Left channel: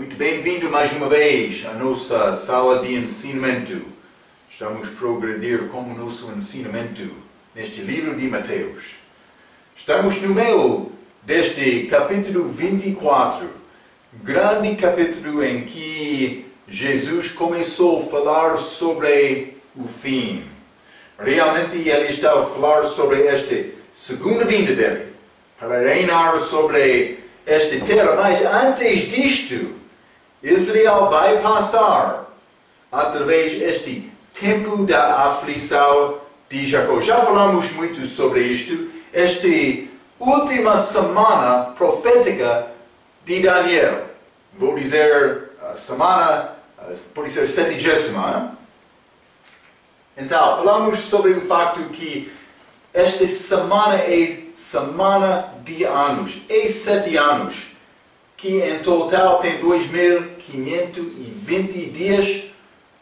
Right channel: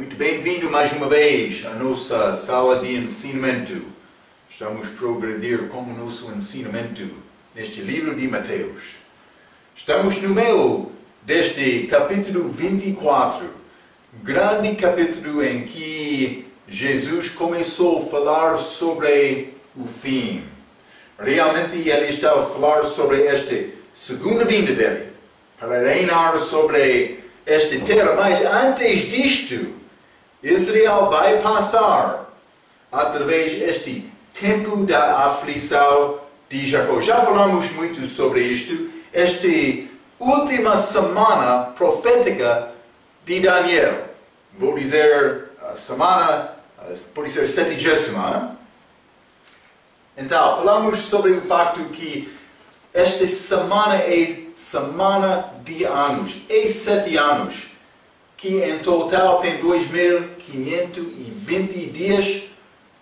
Muito bem-vindo mais uma vez à nossa sala de ensinamento. Estamos a progredir com o nosso ensinamento neste livro de Mateus. Estamos no meio deste capítulo 24, grande capítulo em que Jesus começou a falar sobre o fim. Realmente ele estava a falar sobre esta segunda vinda dele, para reinar sobre esta terra, mas antes disto, Israel vai passar através deste tempo da aflição de Jacó. Já falamos muito sobre isto, esta última semana profética de Daniel. Vou dizer a semana, pode ser 70ª. Então, falamos sobre o facto que esta semana é semana de anos, é 7 anos, que em total tem 2520 dias,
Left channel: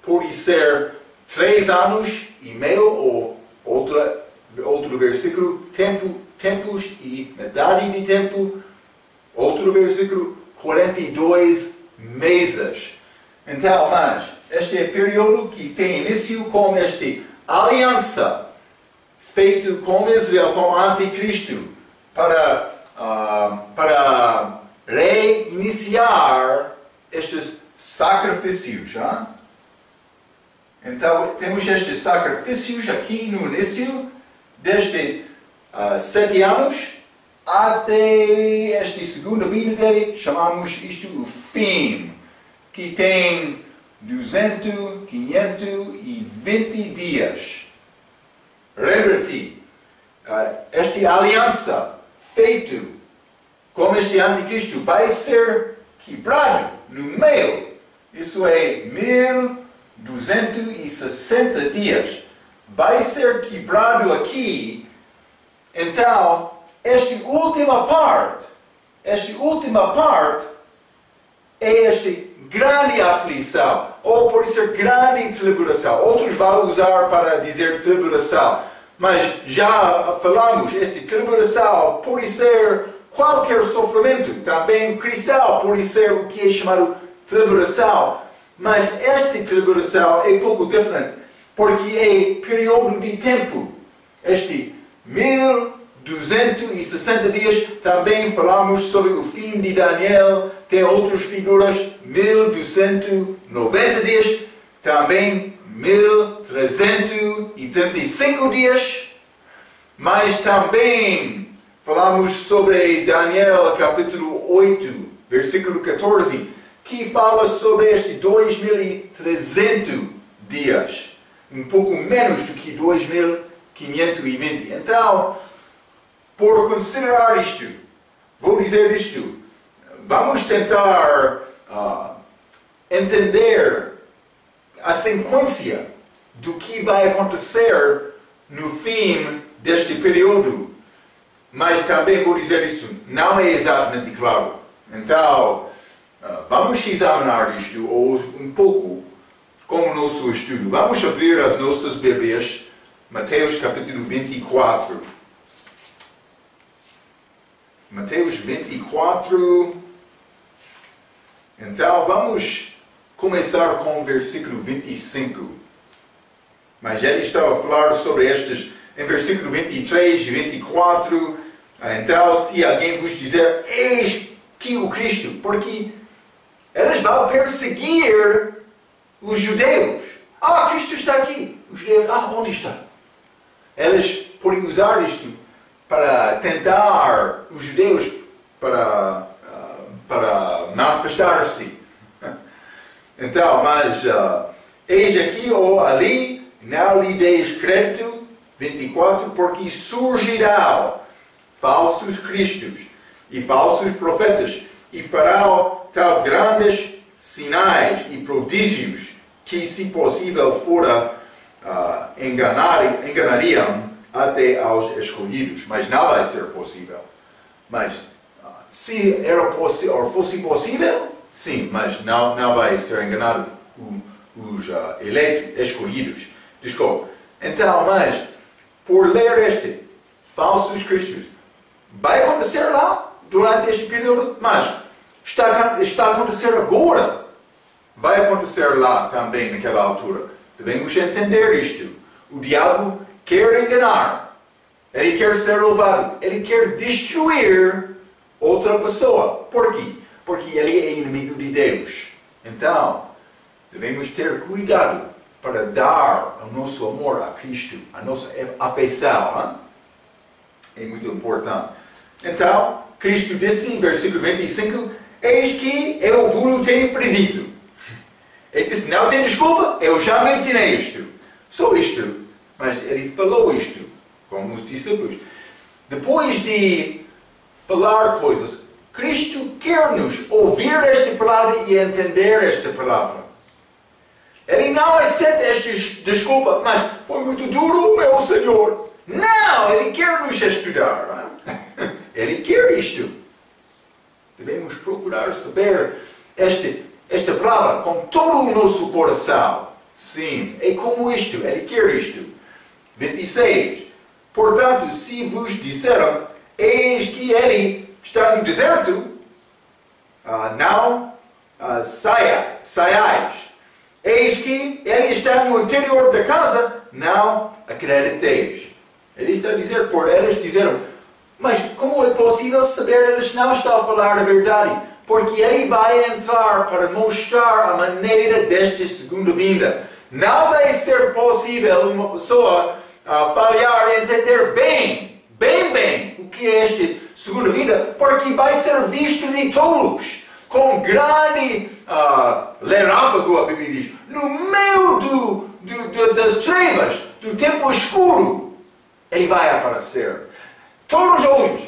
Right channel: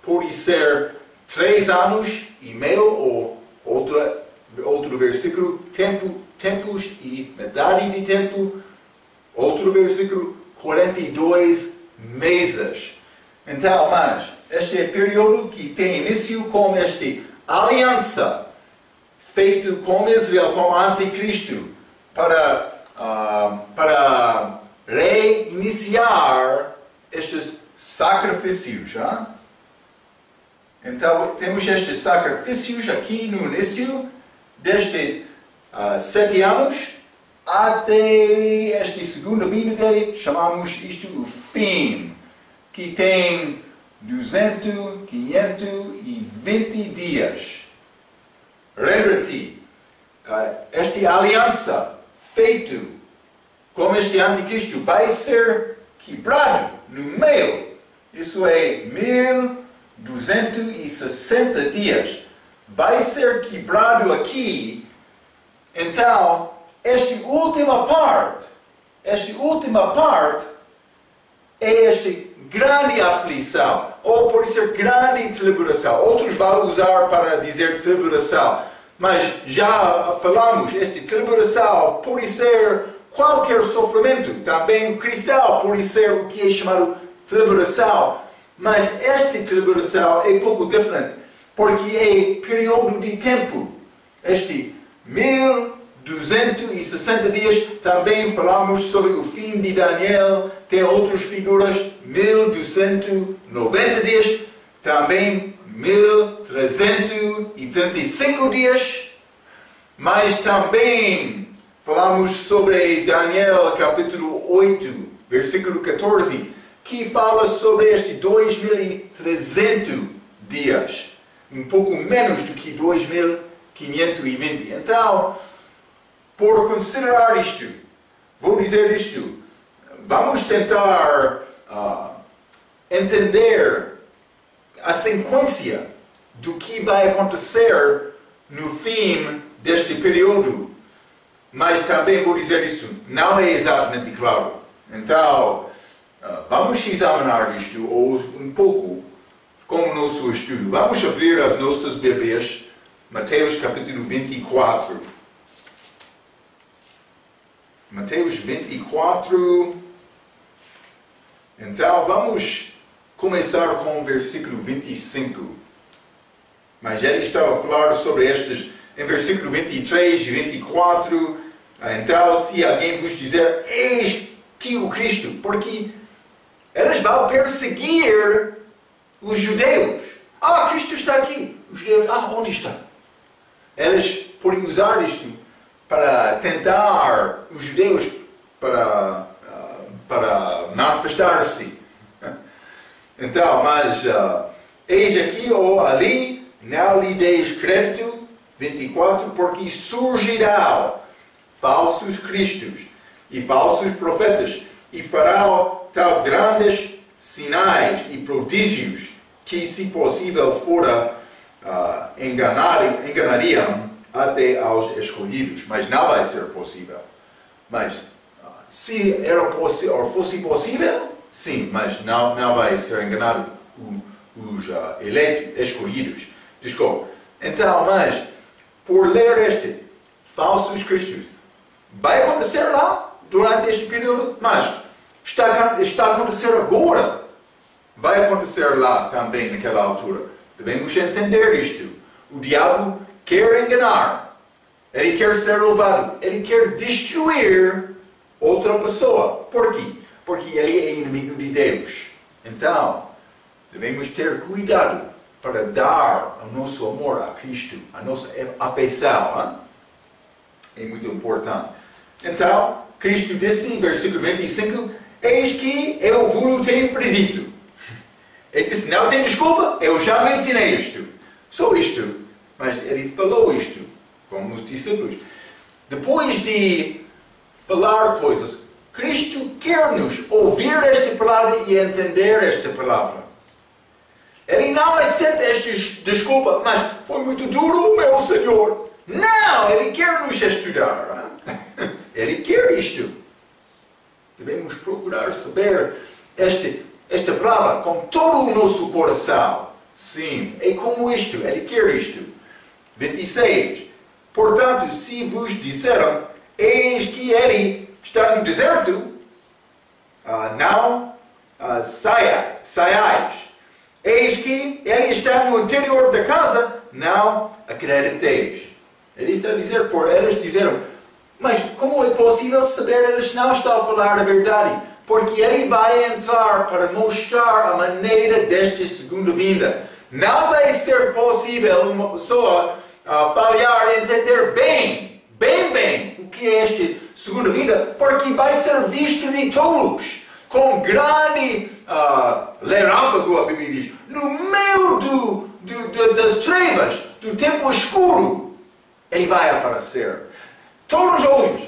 pode ser 3 anos e meio, ou outro versículo, tempos e metade de tempo, outro versículo, 42 meses. Então, mas, este é o período que tem início com esta aliança feito com Israel, com o Anticristo, para reiniciar estes sacrifícios. Hein? Então, temos estes sacrifícios aqui no início, desde 7 anos, até esta segunda vinda dele, chamamos isto o fim, que tem 520 dias. Lembra-te, esta aliança feita com este anticristo vai ser quebrado no meio. Isso é 1260 dias. Vai ser quebrado aqui. Então, esta última parte é esta grande aflição, ou pode ser grande tribulação. Outros vão usar para dizer tribulação, mas já falamos, esta tribulação pode ser qualquer sofrimento. Também o cristão pode ser o que é chamado tribulação, mas esta tribulação é pouco diferente, porque é período de tempo. Este 1260 dias, também falamos sobre o fim de Daniel, tem outras figuras, 1290 dias, também 1335 dias, mas também falamos sobre Daniel capítulo 8, versículo 14, que fala sobre este 2300 dias, um pouco menos do que 2520. Então, por considerar isto, vou dizer isto, vamos tentar entender a sequência do que vai acontecer no fim deste período. Mas também vou dizer isso, não é exatamente claro. Então, vamos examinar isto um pouco com o nosso estudo. Vamos abrir as nossas Bíblias, Mateus capítulo 24. Mateus 24. Então, vamos começar com o versículo 25. Mas ele estava a falar sobre estes em versículo 23 e 24. Então, se alguém vos dizer, eis que o Cristo, porque eles vão perseguir os judeus. Cristo está aqui. Os judeus, onde está? Eles podem usar isto para tentar os judeus para manifestar-se. Então, mas eis aqui ou ali, não lhe deis crédito, 24, porque surgirão falsos cristos e falsos profetas e farão tal grandes sinais e prodígios que, se possível fora, enganariam até aos escolhidos, mas não vai ser possível. Mas se fosse possível, sim, mas não vai ser enganado os eleitos, escolhidos. Desculpa. Então, mas por ler este falsos cristos, vai acontecer lá durante este período, mas está a acontecer agora. Vai acontecer lá também, naquela altura. Devemos entender isto. O diabo quer enganar. Ele quer ser louvado. Ele quer destruir outra pessoa. Por quê? Porque ele é inimigo de Deus. Então, devemos ter cuidado para dar o nosso amor a Cristo, a nossa afeição. É muito importante. Então, Cristo disse em versículo 25, eis que eu vos tenho predito. Ele disse, não tem desculpa, eu já me ensinei isto. Só isto. Mas ele falou isto, como os discípulos. Depois de falar coisas, Cristo quer-nos ouvir esta palavra e entender esta palavra. Ele não aceita esta desculpa, mas foi muito duro, meu Senhor. Não, Ele quer nos estudar. Ele quer isto. Devemos procurar saber esta palavra com todo o nosso coração. Sim, é como isto, Ele quer isto. 26. Portanto, se vos disseram, eis que Ele está no deserto, não saiais. Eis que Ele está no interior da casa, não acrediteis. Ele está a dizer, por eles disseram, mas como é possível saber? Eles não estão a falar a verdade. Porque Ele vai entrar para mostrar a maneira desta segunda vinda. Não vai ser possível uma pessoa falhar e entender bem, o que é esta segunda vinda, porque vai ser visto de todos, com grande relâmpago, a Bíblia diz, no meio das trevas, do tempo escuro, Ele vai aparecer. Todos os olhos,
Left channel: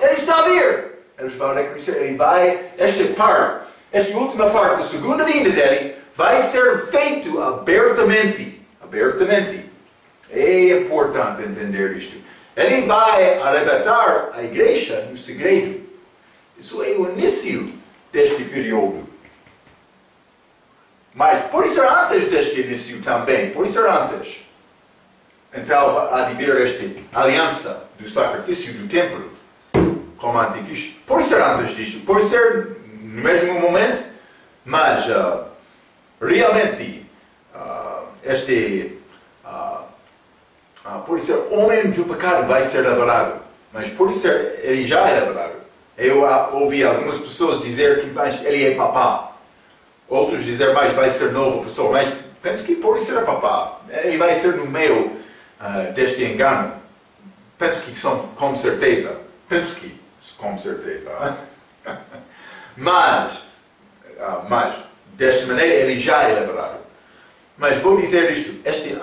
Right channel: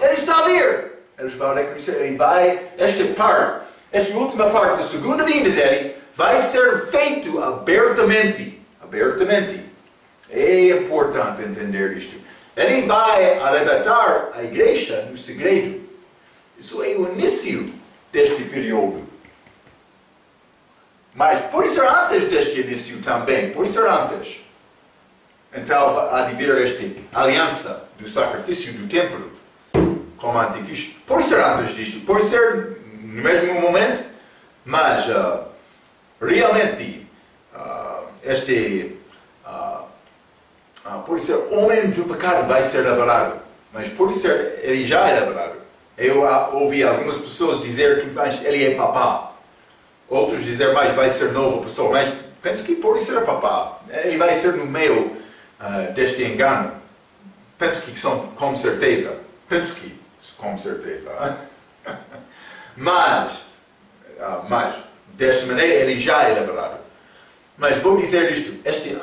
Ele está a vir. Eles vão reconhecer, Ele vai, esta última parte da segunda vinda dele, vai ser feito abertamente. É importante entender isto. Ele vai arrebatar a igreja no segredo. Isso é o início deste período. Mas por isso antes deste início também, por isso antes. Então há de haver esta aliança do sacrifício do templo como anticristo. Por ser antes disto, por ser no mesmo momento, mas realmente por ser homem do pecado vai ser revelado, mas por ser ele já é revelado. Eu ouvi algumas pessoas dizer que mas ele é papá, outros dizer mais vai ser nova pessoa, mas penso que por ser papá, ele vai ser no meio deste engano. Penso que com certeza. Mas desta maneira ele já é revelado. Mas vou dizer isto, este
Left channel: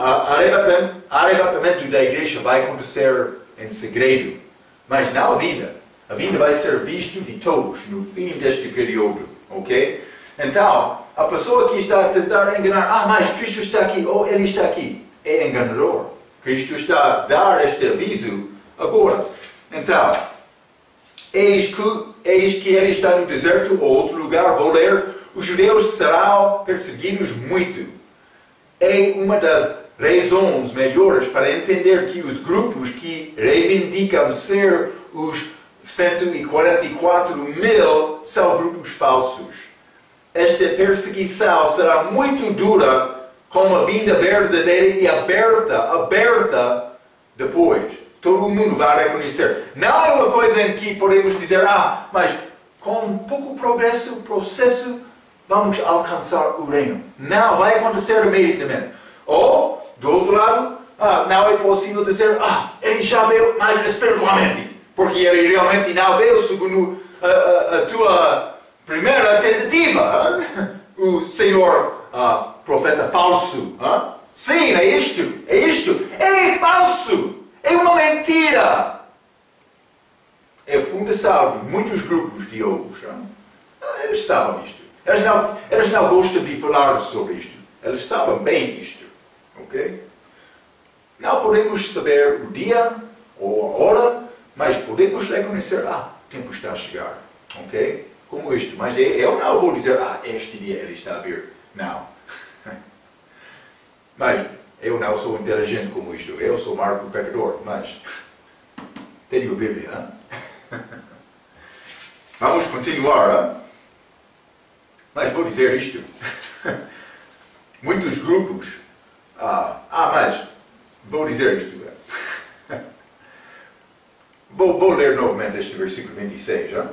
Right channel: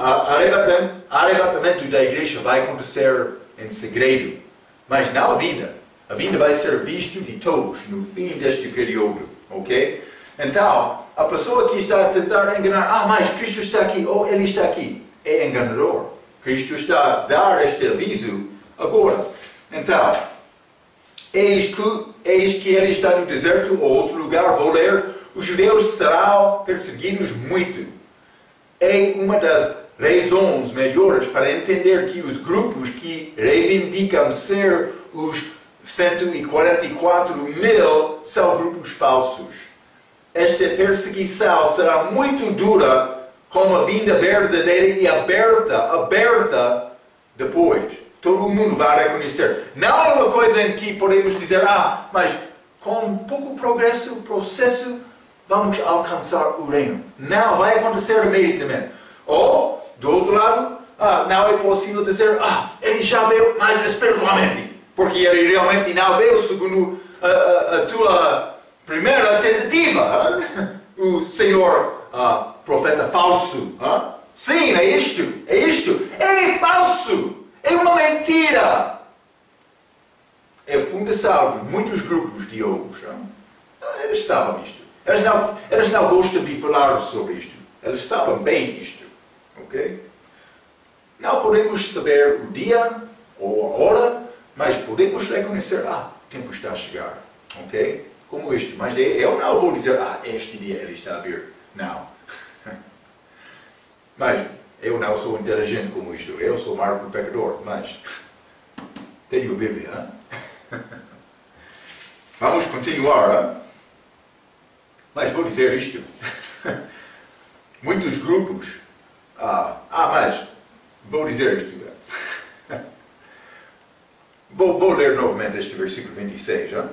arrebatamento da igreja vai acontecer em segredo, mas não a vinda. A vinda vai ser visto de todos no fim deste período, ok? Então, a pessoa que está a tentar enganar, mas Cristo está aqui, ou Ele está aqui, é enganador. Cristo está a dar este aviso agora. Então, eis que Ele está no deserto ou outro lugar, vou ler, os judeus serão perseguidos muito. É uma das razões melhores para entender que os grupos que reivindicam ser os 144 mil são grupos falsos. Esta perseguição será muito dura com a vinda verdadeira e aberta depois. Todo mundo vai reconhecer. Não é uma coisa em que podemos dizer, mas com pouco processo, vamos alcançar o reino. Não, vai acontecer imediatamente. Ou, do outro lado, não é possível dizer, ele já veio, mas espiritualmente. Porque ele realmente não veio segundo a tua primeira tentativa. O Senhor profeta falso. Sim, é isto. É falso. É uma mentira. É a fundação de muitos grupos de hoje. Eles sabem isto. Eles não gostam de falar sobre isto. Eles sabem bem isto. Ok? Não podemos saber o dia ou a hora, mas podemos reconhecer, o tempo está a chegar. Ok? Como isto. Mas eu não vou dizer, este dia ele está a vir. Não. Mas eu não sou inteligente como isto. Eu sou Marco pecador, mas tenho a Bíblia. Vamos continuar, hein? Mas vou dizer isto. Muitos grupos... mas vou dizer isto. Vou ler novamente este versículo 26. Hein?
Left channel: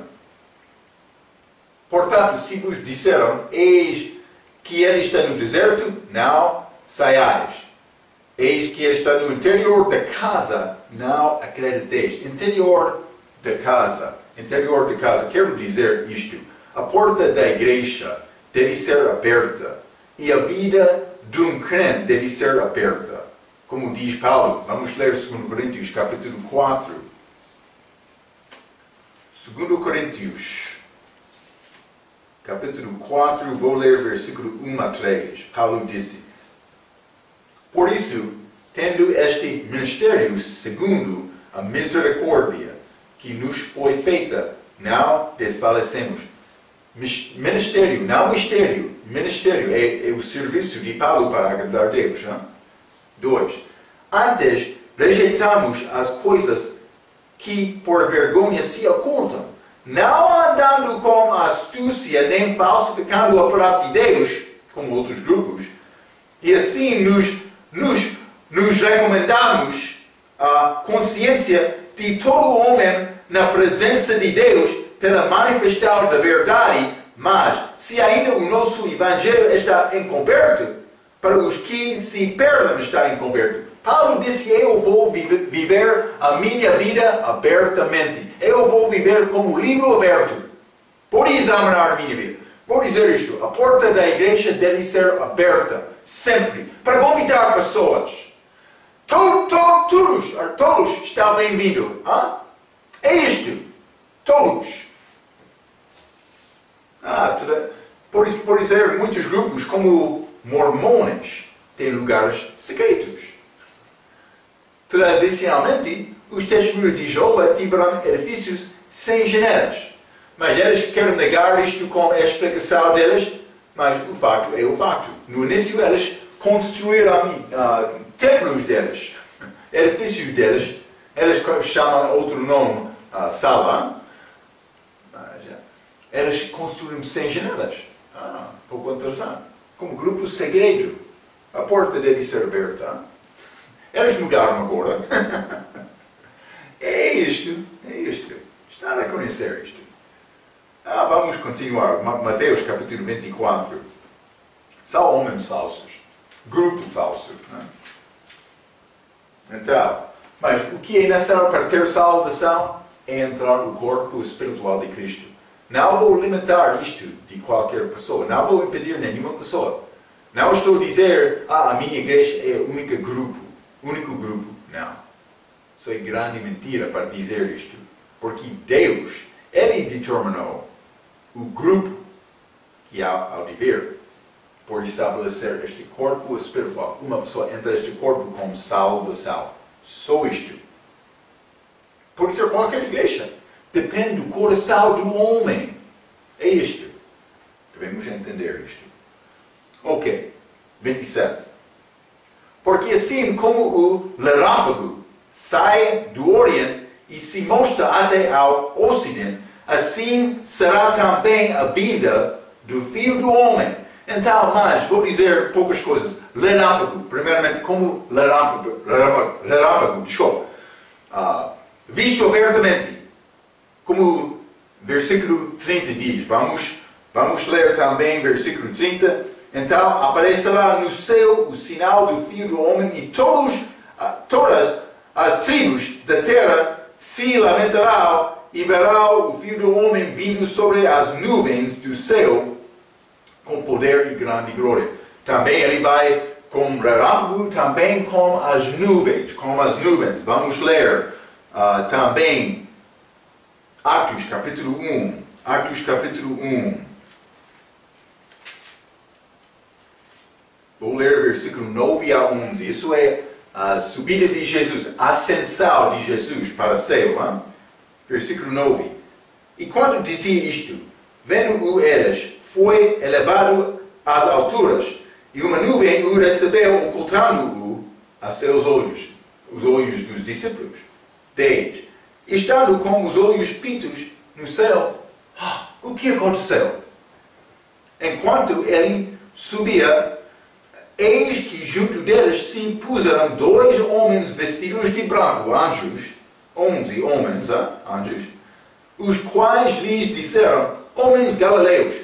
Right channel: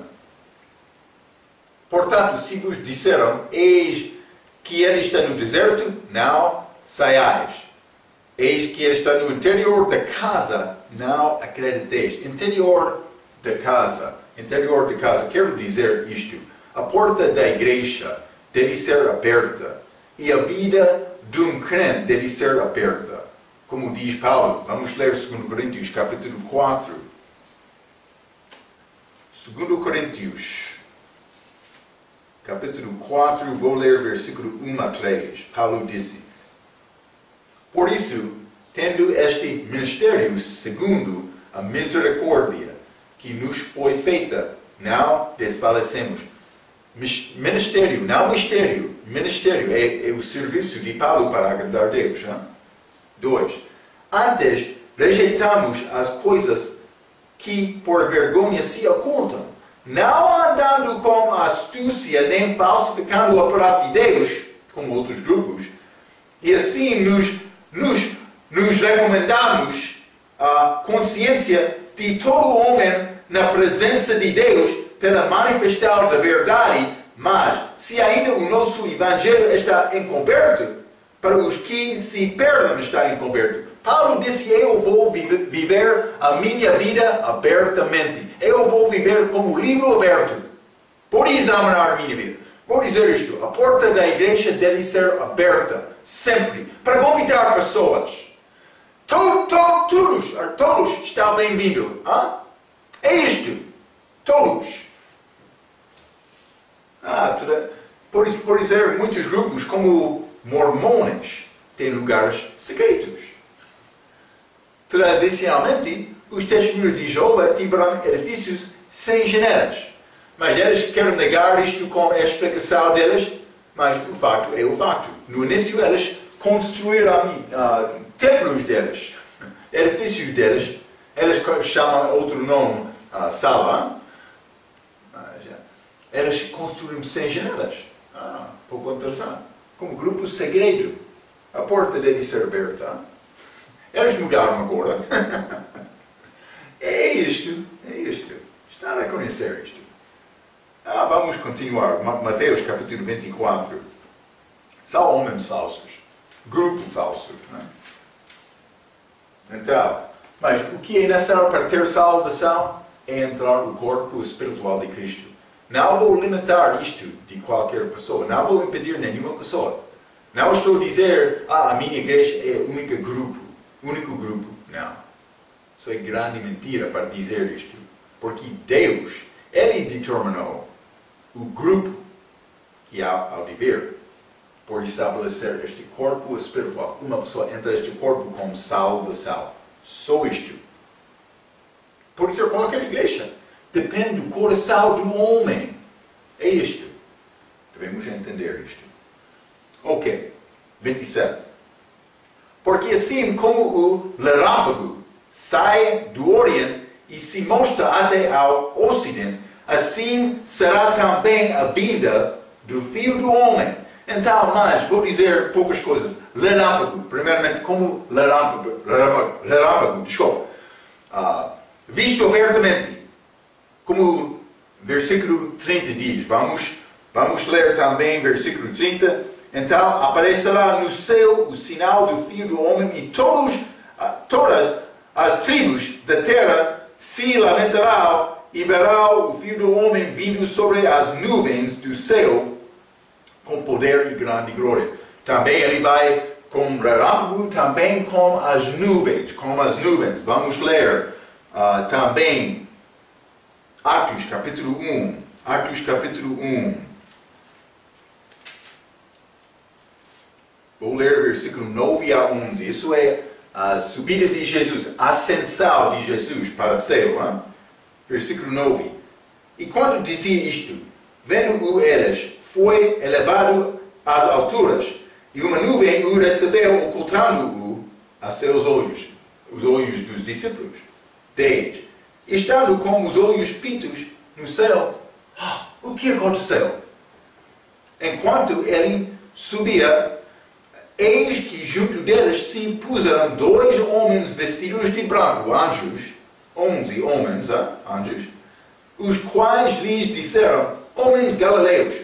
Portanto, se vos disseram, eis que ele está no deserto, não saiais. Eis que ele está no interior da casa, não acrediteis. Interior da casa. Interior da casa. Quero dizer isto. A porta da igreja deve ser aberta. E a vida de um crente deve ser aberta. Como diz Paulo. Vamos ler 2 Coríntios, capítulo 4. 2 Coríntios, capítulo 4, vou ler versículo 1 a 3. Paulo disse: Por isso, tendo este ministério segundo a misericórdia que nos foi feita, não desfalecemos. Ministério, não mistério. Ministério é o serviço de Paulo para agradar a Deus. 2. Antes, rejeitamos as coisas que por vergonha se ocultam, não andando com astúcia nem falsificando a palavra de Deus, como outros grupos, e assim nos recomendamos a consciência de todo homem na presença de Deus pela manifestação da verdade, mas se ainda o nosso evangelho está encoberto, para os que se perdem está encoberto. Paulo disse: eu vou viver a minha vida abertamente. Eu vou viver como livro aberto. Vou examinar a minha vida. Vou dizer isto: a porta da igreja deve ser aberta, sempre, para convidar pessoas. Todos estão bem-vindos. É isto. Todos. Por dizer, muitos grupos, como mormões, têm lugares secretos. Tradicionalmente, os testemunhos de Jeová tiveram edifícios sem janelas. Mas eles querem negar isto com a explicação deles, mas o facto é o facto. No início, eles construíram templos deles, edifícios deles. Eles chamam outro nome, sala. Mas eles construíram sem janelas. Pouco interessante. Como grupo segredo. A porta deve ser aberta. Eles mudaram agora. É isto. Está a conhecer isto. Vamos continuar. Mateus capítulo 24. São homens falsos. Grupo falso. Então, mas o que é necessário para ter salvação? É entrar no corpo espiritual de Cristo. Não vou limitar isto de qualquer pessoa. Não vou impedir nenhuma pessoa. Não estou a dizer, a minha igreja é o único grupo. Não. Isso é grande mentira para dizer isto. Porque Deus, Ele determinou o grupo que há ao viver por estabelecer este corpo espiritual. Uma pessoa entra neste corpo com salvação. Só isto. Pode ser qualquer igreja. Depende do coração do homem. É isto. Devemos entender isto. Ok. 27. Porque assim como o relâmpago sai do Oriente e se mostra até ao Ocidente, assim será também a vinda do Filho do Homem. Então, mas vou dizer poucas coisas. Relâmpago, primeiramente, como relâmpago, desculpa. Visto abertamente, como versículo 30 diz. Vamos ler também versículo 30. Então aparecerá no céu o sinal do Filho do Homem e todas as tribos da terra se lamentarão e verão o Filho do Homem vindo sobre as nuvens do céu com poder e grande glória. Também ele vai com relâmpago, também com as nuvens. Vamos ler também Atos capítulo 1. Vou ler o versículo 9 a 11. Isso é a subida de Jesus, a ascensão de Jesus para o céu. Hein? Versículo 9. E quando dizia isto, vendo-o eles, foi elevado às alturas, e uma nuvem o recebeu, ocultando-o a seus olhos, os olhos dos discípulos. 10. Estando com os olhos fitos no céu, o que aconteceu? Enquanto ele subia, eis que junto deles se puseram 2 homens vestidos de branco, anjos, 11 homens, anjos, os quais lhes disseram: homens galileus,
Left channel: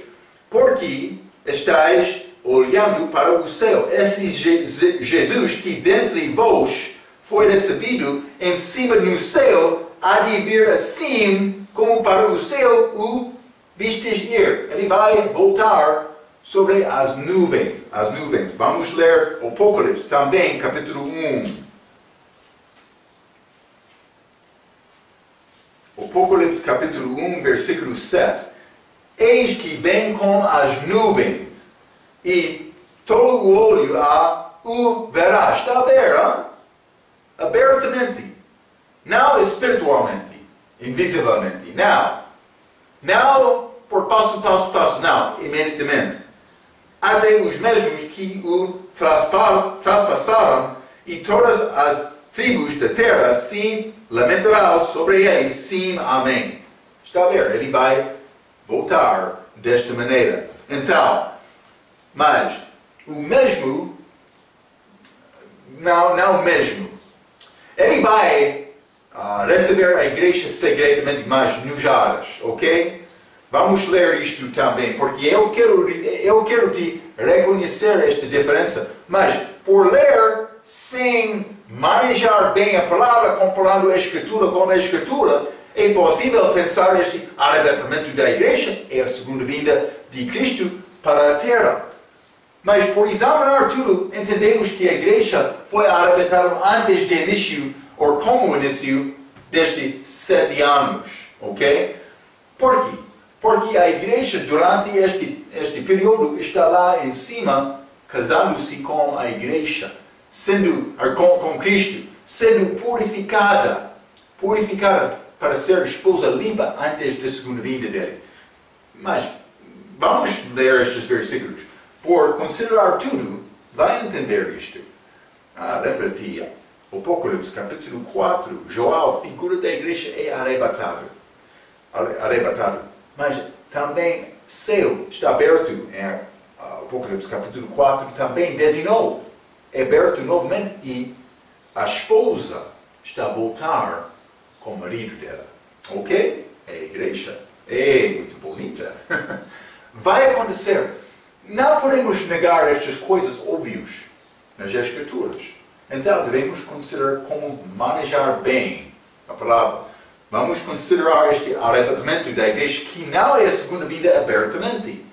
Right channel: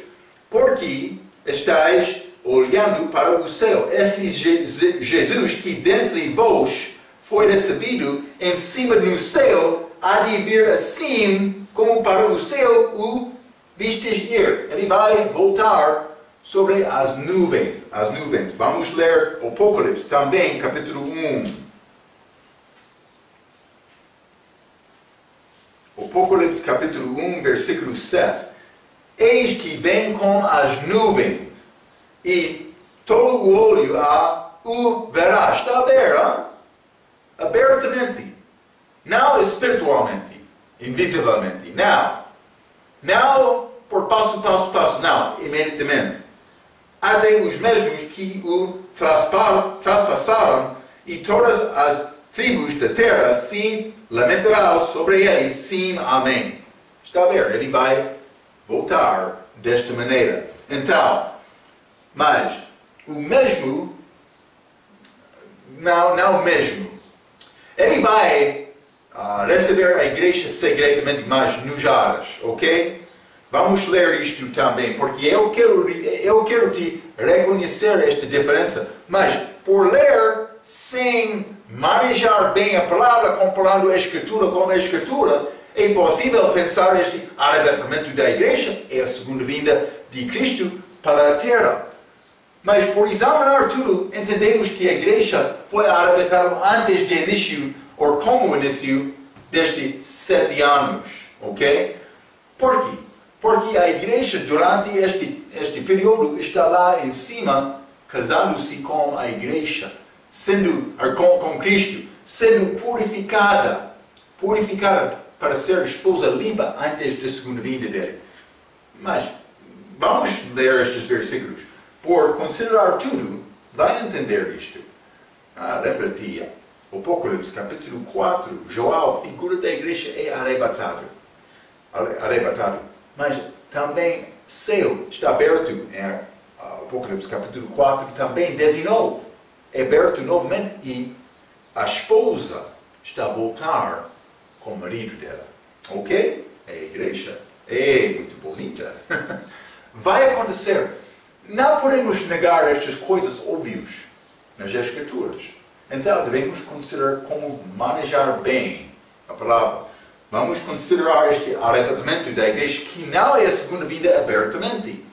por que estáis olhando para o céu? Esse Jesus que dentre vós foi recebido em cima no céu, há de vir assim como para o céu o vistes ir. Ele vai voltar sobre as nuvens. Vamos ler Apocalipse também, capítulo 1. Apocalipse capítulo 1, versículo 7. Eis que vem com as nuvens, e todo o olho o verá. Está a ver, abertamente. Não espiritualmente, invisivelmente. Não por passo, não, imediatamente. Até os mesmos que o traspassaram, e todas as tribos da terra se lamentarão sobre ele, sim, amém. Está a ver? Ele vai voltar desta maneira. Então, mas o mesmo, não o mesmo. Ele vai receber a igreja secretamente, mas nos ares, ok? Vamos ler isto também, porque eu quero te reconhecer esta diferença, mas por ler sem manejar bem a palavra, comparando a Escritura com a Escritura, é possível pensar este arrebatamento da igreja é a segunda vinda de Cristo para a terra. Mas por examinar tudo, entendemos que a igreja foi arrebatada antes do início, ou como início, destes 7 anos, ok? Por quê? Porque a igreja, durante este período, está lá em cima, casando-se com a igreja, com Cristo, sendo purificada para ser esposa limpa antes da segunda vinda dele. Mas, vamos ler estes versículos. Por considerar tudo, vai entender isto. Lembra-te, Apocalipse capítulo 4, João, figura da igreja, é arrebatado. Mas também céu está aberto em Apocalipse capítulo 4, também 19. É aberto novamente e a esposa está a voltar com o marido dela. Ok? É a igreja. É muito bonita. Vai acontecer. Não podemos negar estas coisas óbvias nas Escrituras. Então devemos considerar como manejar bem a palavra. Vamos considerar este arrebatamento da igreja que não é a segunda vinda abertamente.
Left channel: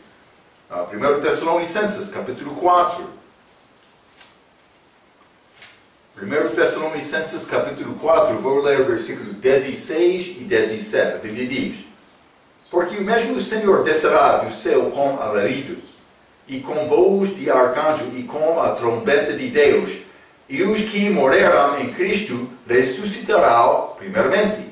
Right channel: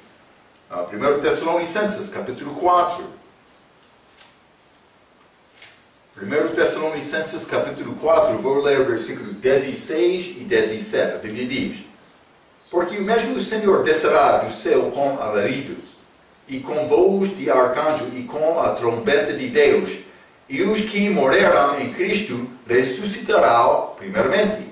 1 Tessalonicenses, capítulo 4. 1 Tessalonicenses, capítulo 4, vou ler versículos 16 e 17. A Bíblia diz: porque o mesmo Senhor descerá do céu com alarido, e com voz de arcanjo, e com a trombeta de Deus, e os que morreram em Cristo ressuscitarão primeiramente.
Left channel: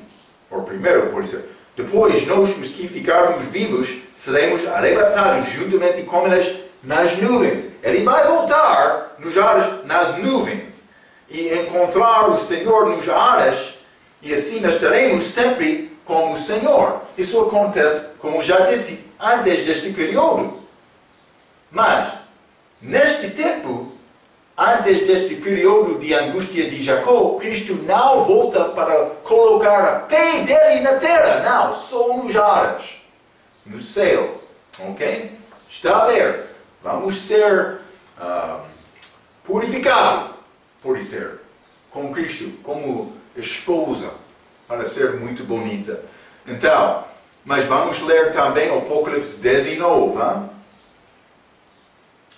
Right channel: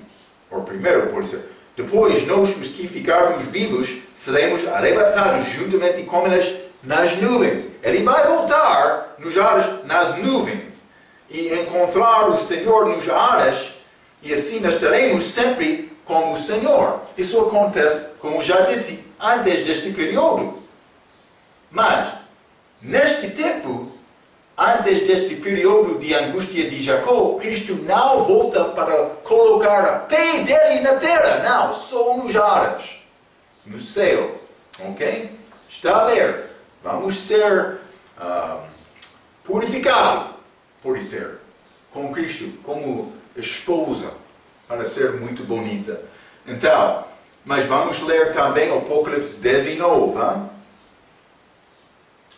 Ou primeiro, por isso. Depois, nós, os que ficarmos vivos, seremos arrebatados juntamente com eles nas nuvens. Ele vai voltar nos ares, nas nuvens, e encontrar o Senhor nos ares, e assim estaremos sempre com o Senhor. Isso acontece, como já disse, antes deste período. Mas, neste tempo, antes deste período de angústia de Jacó, Cristo não volta para colocar a pé dele na terra. Não, só nos ares, no céu. Ok? Está a ver? Vamos ser purificados, por ser, com Cristo, como esposa, para ser muito bonita. Então, mas vamos ler também Apocalipse 19.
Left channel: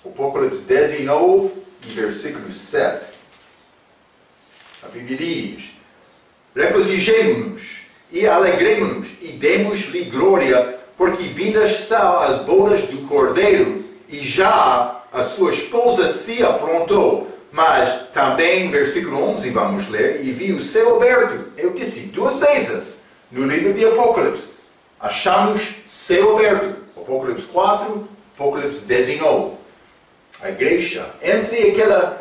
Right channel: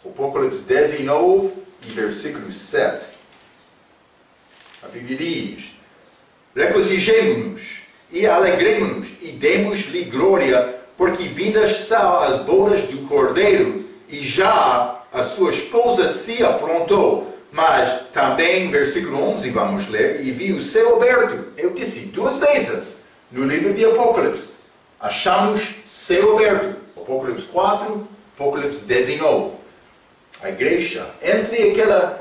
Apocalipse 19 e versículo 7. A Bíblia diz: regozijemo-nos e alegremo-nos e demos-lhe glória, porque vindas são as bodas do Cordeiro, e já a sua esposa se aprontou. Mas também, versículo 11, vamos ler: e vi o céu aberto. Eu disse 2 vezes no livro de Apocalipse. Achamos céu aberto. Apocalipse 4, Apocalipse 19. A igreja, entre aquele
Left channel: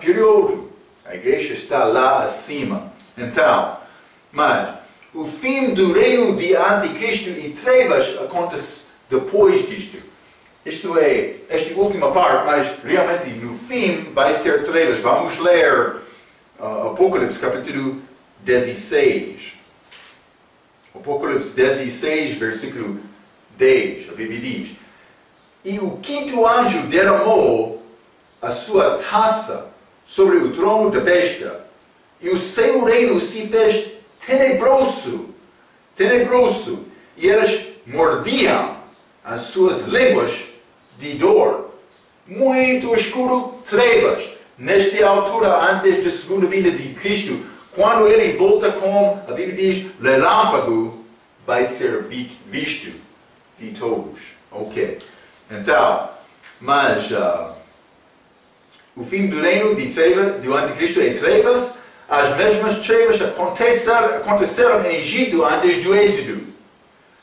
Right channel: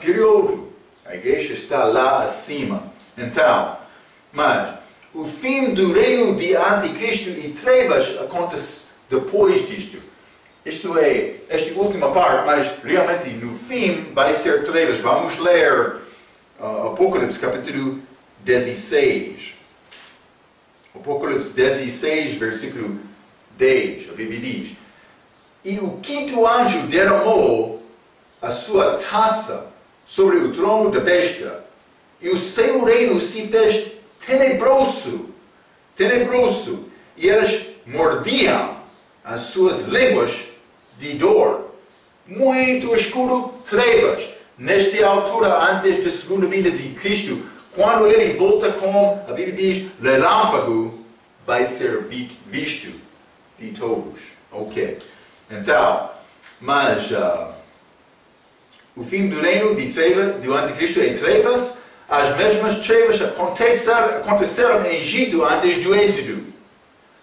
período, a igreja está lá acima. Então, mas o fim do reino de anticristo e trevas acontece depois disto. Isto é, esta última parte, mas realmente no fim vai ser trevas. Vamos ler Apocalipse capítulo 16. Apocalipse 16, versículo 10, a Bíblia diz: E o quinto anjo derramou a sua taça sobre o trono da besta, e o seu reino se fez tenebroso, e eles mordiam as suas línguas de dor. Muito escuro, trevas. Nesta altura, antes da segunda vinda de Cristo, quando ele volta com, a Bíblia diz, relâmpago, vai ser visto de todos. Ok. Então, mas o fim do reino de trevas, do anticristo é trevas. As mesmas trevas aconteceram no Egito antes do êxodo.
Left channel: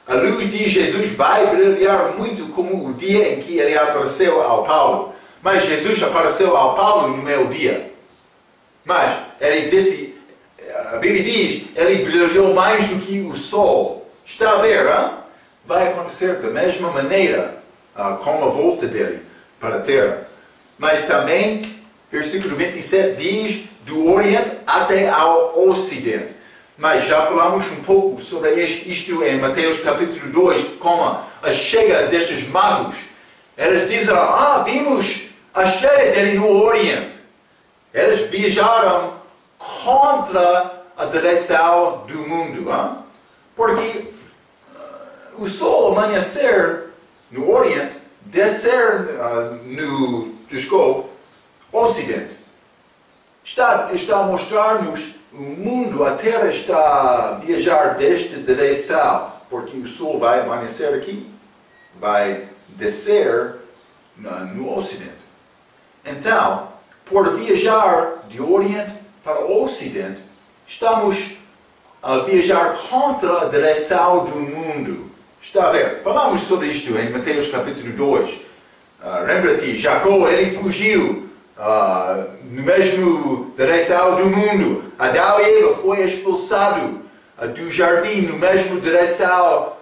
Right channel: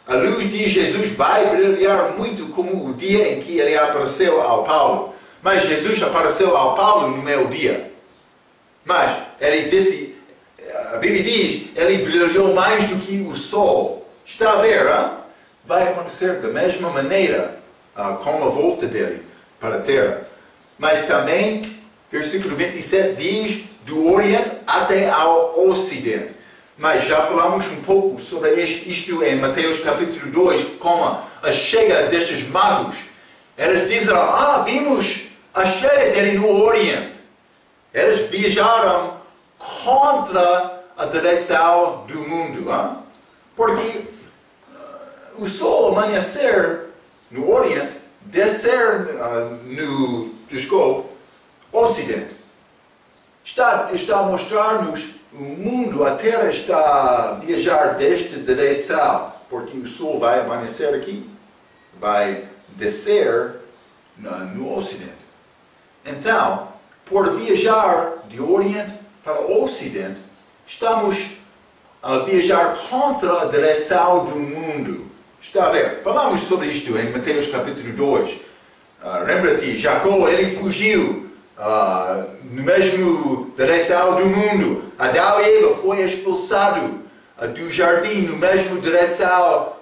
A luz de Jesus vai brilhar muito como o dia em que ele apareceu ao Paulo. Mas Jesus apareceu ao Paulo no meu dia. Mas ele disse, a Bíblia diz, ele brilhou mais do que o sol. Está a ver, hein? Vai acontecer da mesma maneira com a volta dele para a terra. Mas também, versículo 27 diz, do Oriente até ao Ocidente. Mas já falamos um pouco sobre isto em Mateus capítulo 2, como a chegada destes magos. Eles disseram, vimos a chegada dele no Oriente. Eles viajaram contra a direção do mundo. Porque o sol amanhecer no Oriente, descer no Ocidente. Está a mostrar-nos o mundo, a Terra está a viajar desta direção, porque o Sol vai amanhecer aqui, vai descer no Ocidente. Então, por viajar de Oriente para o Ocidente, estamos a viajar contra a direção do mundo. Está a ver? Falamos sobre isto em Mateus capítulo 2. Lembra-te, Jacó, ele fugiu no mesmo direção do mundo. Adão e Eva foi expulsado do jardim no mesmo direção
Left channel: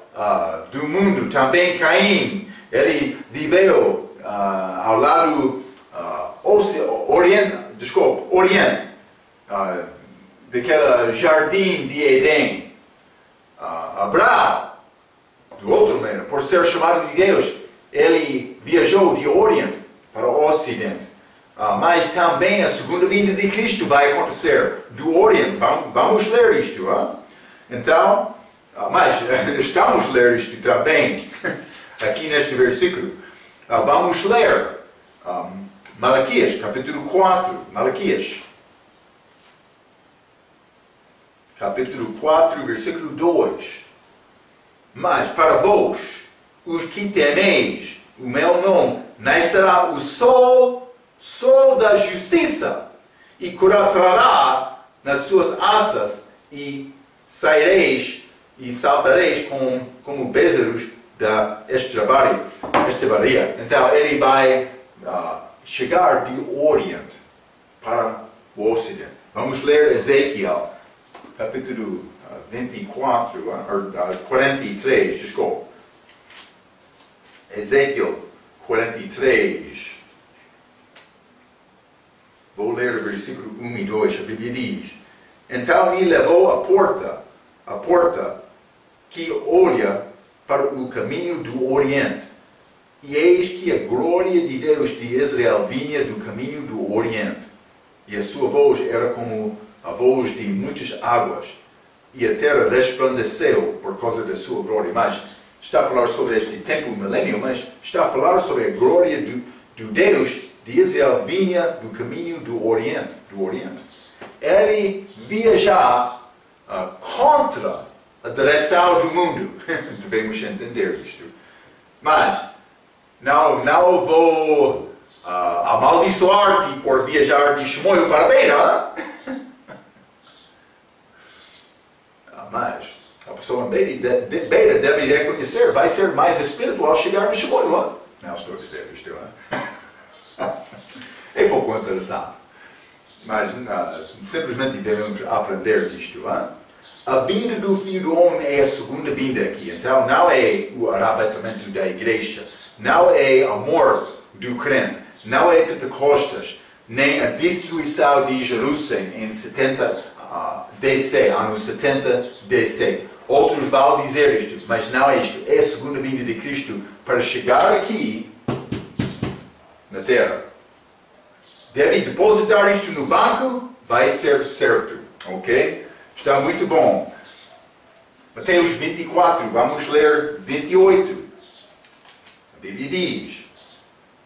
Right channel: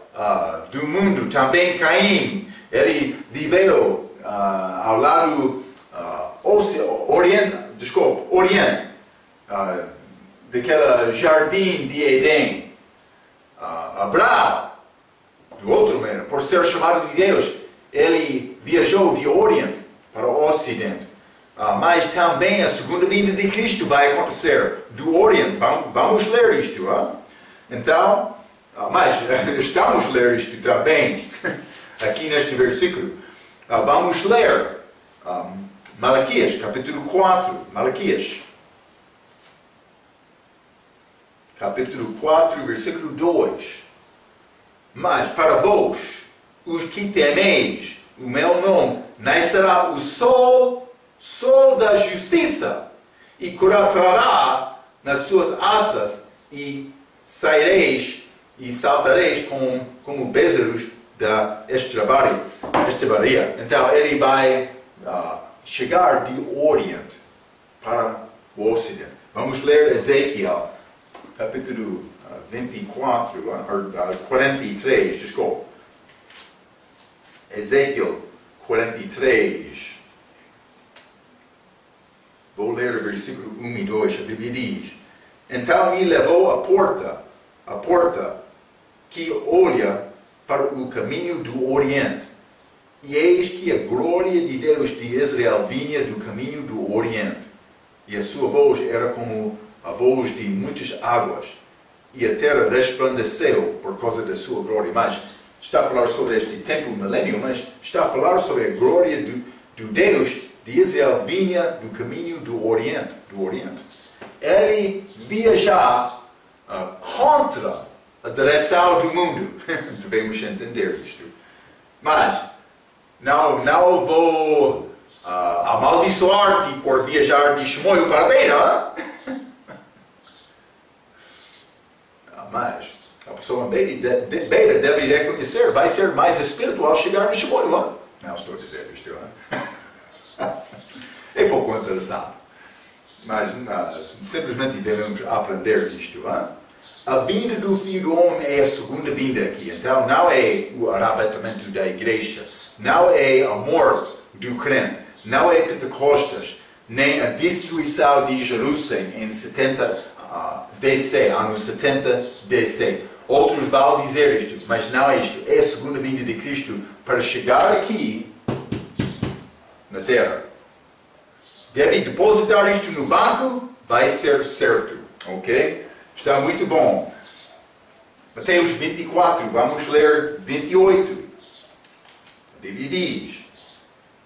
do mundo. Também Caim, ele viveu ao lado Oriente, daquele jardim de Éden. Abraão, do outro maneira, por ser chamado de Deus, ele viajou de Oriente para o Ocidente. Mas também a segunda vinda de Cristo vai acontecer do Oriente. Vamos ler isto. Então, mas estamos a ler isto também, aqui neste versículo. Vamos ler Malaquias, capítulo 4. Malaquias, capítulo 4, versículo 2. Mas para vós, os que temeis o meu nome, nascerá o sol da justiça, e cortará nas suas asas, e saireis e saltareis como bezerros da estrebaria. Então ele vai chegar do Oriente para o Ocidente. Vamos ler Ezequiel, capítulo 43, desculpa. Ezequiel 43. Vou ler o versículo 1 e 2, a Bíblia diz: Então me levou à porta que olha para o caminho do Oriente, e eis que a glória de Deus de Israel vinha do caminho do Oriente, e a sua voz era como a voz de muitas águas, e a terra resplandeceu por causa da sua glória. Mas está a falar sobre este tempo milênio, mas está a falar sobre a glória do Deus de Israel vinha do caminho do Oriente. Ele viaja contra a direção do mundo. Devemos entender isto. Mas não vou amaldiçoar-te por viajar de Chimoio para Beira. Mas a pessoa em Beira deve reconhecer, vai ser mais espiritual chegar no Chimoio. Não estou a dizer isto. É pouco interessante. Mas simplesmente devemos aprender isto. A vinda do Filho do Homem é a segunda vinda aqui. Então, não é o arrebatamento da igreja. Não é a morte do crente. Não é Pentecostes. Nem a destruição de Jerusalém em 70 DC, anos 70 DC. Outros vão dizer isto, mas não é isto. É a segunda vinda de Cristo para chegar aqui na Terra. Deve depositar isto no banco, vai ser certo, ok? Está muito bom. Mateus 24, vamos ler 28. A Bíblia diz:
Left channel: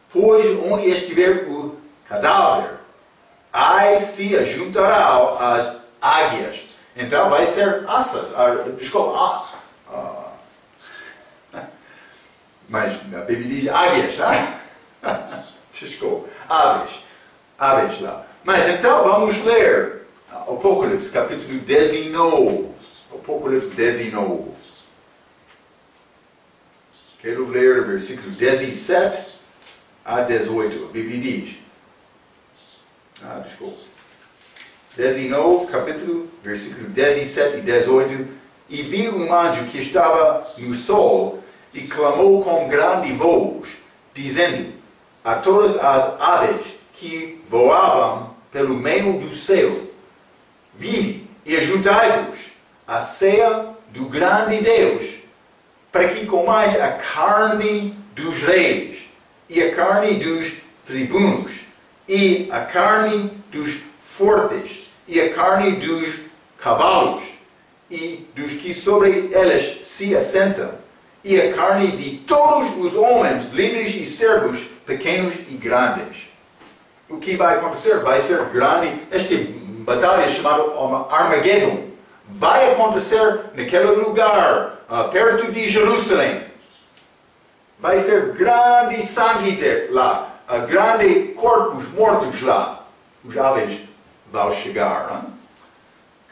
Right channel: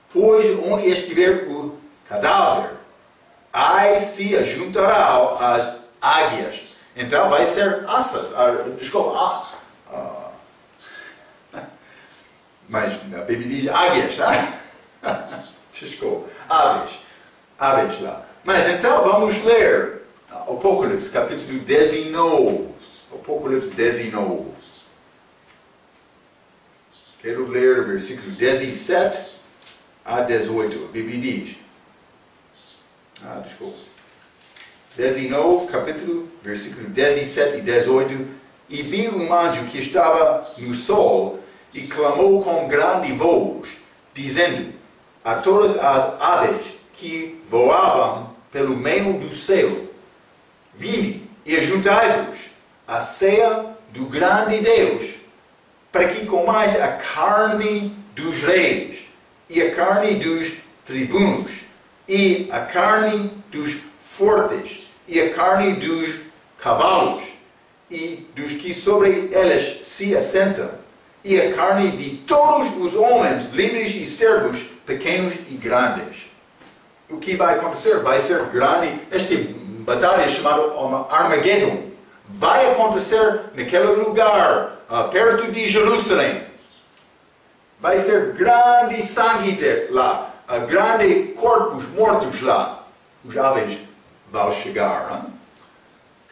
pois onde estiver o cadáver, aí se ajuntarão as águias. Então vai ser assas. Desculpa. Mas a Bíblia diz águias. Desculpa. Aves lá. Mas então vamos ler Apocalipse capítulo 19. Apocalipse 19. Quero ler o versículo 17 a 18. A Bíblia diz. Desculpa. 19, capítulo, versículo 17 e 18. E vi um anjo que estava no sol e clamou com grande voz, dizendo a todas as aves que voavam pelo meio do céu: vinde e ajuntai-vos à ceia do grande Deus, para que comais a carne dos reis, e a carne dos tribunos, e a carne dos fortes, e a carne dos cavalos, e dos que sobre eles se assentam, e a carne de todos os homens, livres e servos, pequenos e grandes. O que vai acontecer? Vai ser grande. Esta batalha chamada Armagedon vai acontecer naquele lugar, perto de Jerusalém. Vai ser grande sangue lá, grande corpos mortos lá. Os aves vão chegar. Hein?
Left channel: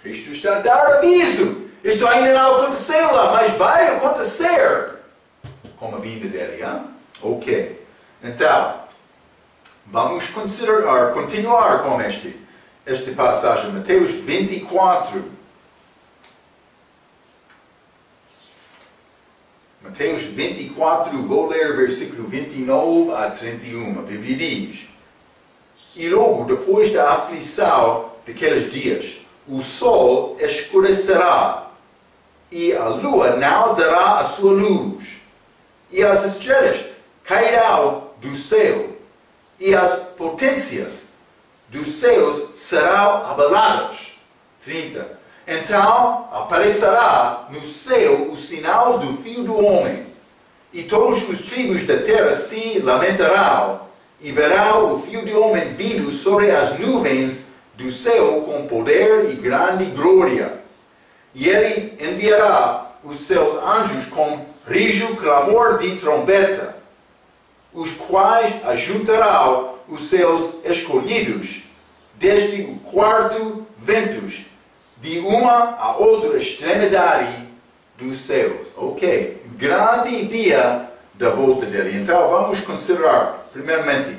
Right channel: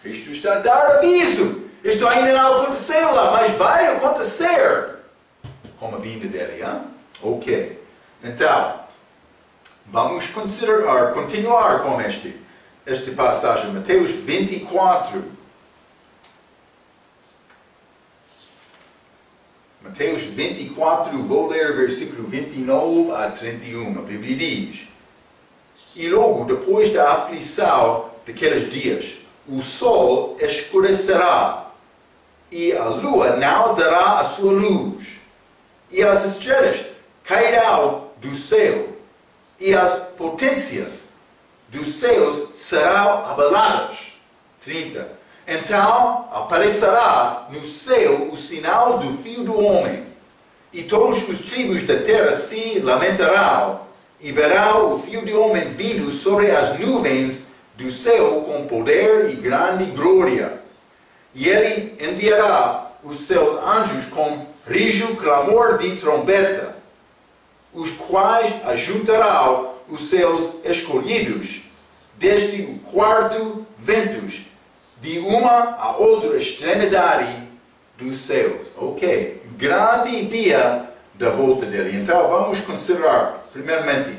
Cristo está a dar aviso. Isto ainda não aconteceu lá, mas vai acontecer com a vinda dele. Hein? Ok. Então, vamos continuar com esta passagem. Mateus 24. Mateus 24, vou ler o versículo 29 a 31. A Bíblia diz: e logo depois da aflição daqueles dias, o sol escurecerá, e a lua não dará a sua luz, e as estrelas cairão do céu, e as potências dos céus serão abaladas. 30. Então aparecerá no céu o sinal do Filho do Homem, e todos os tribos da terra se lamentarão, e verão o Filho do Homem vindo sobre as nuvens do céu com poder e grande glória. E ele enviará os seus anjos com rijo clamor de trombeta, os quais ajuntarão os seus escolhidos desde o quarto ventos, de uma a outra extremidade dos céus. Ok, grande dia da volta dele. Então vamos considerar, primeiramente,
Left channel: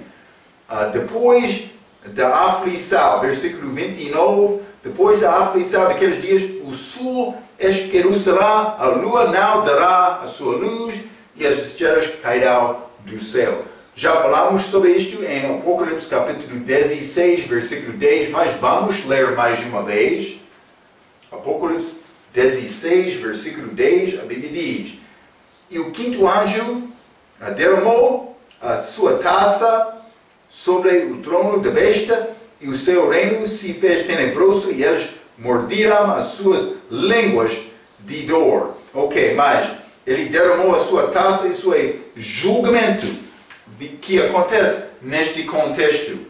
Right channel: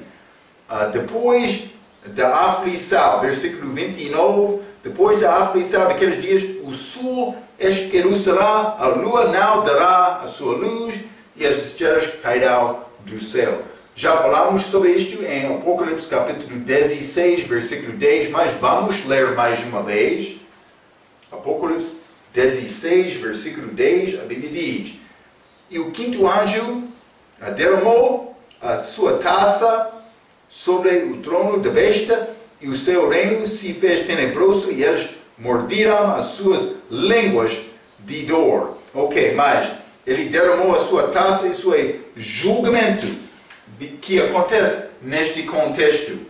depois da aflição, versículo 29, depois da aflição daqueles dias, o sol escurecerá, a lua não dará a sua luz, e as estrelas cairão do céu. Já falamos sobre isto em Apocalipse capítulo 16, versículo 10, mas vamos ler mais uma vez. Apocalipse 16, versículo 10, a Bíblia diz: e o quinto anjo derramou a sua taça sobre o trono da besta, e o seu reino se fez tenebroso, e eles morderam as suas línguas de dor. Ok, mas ele derramou a sua taça, isso é julgamento que acontece neste contexto.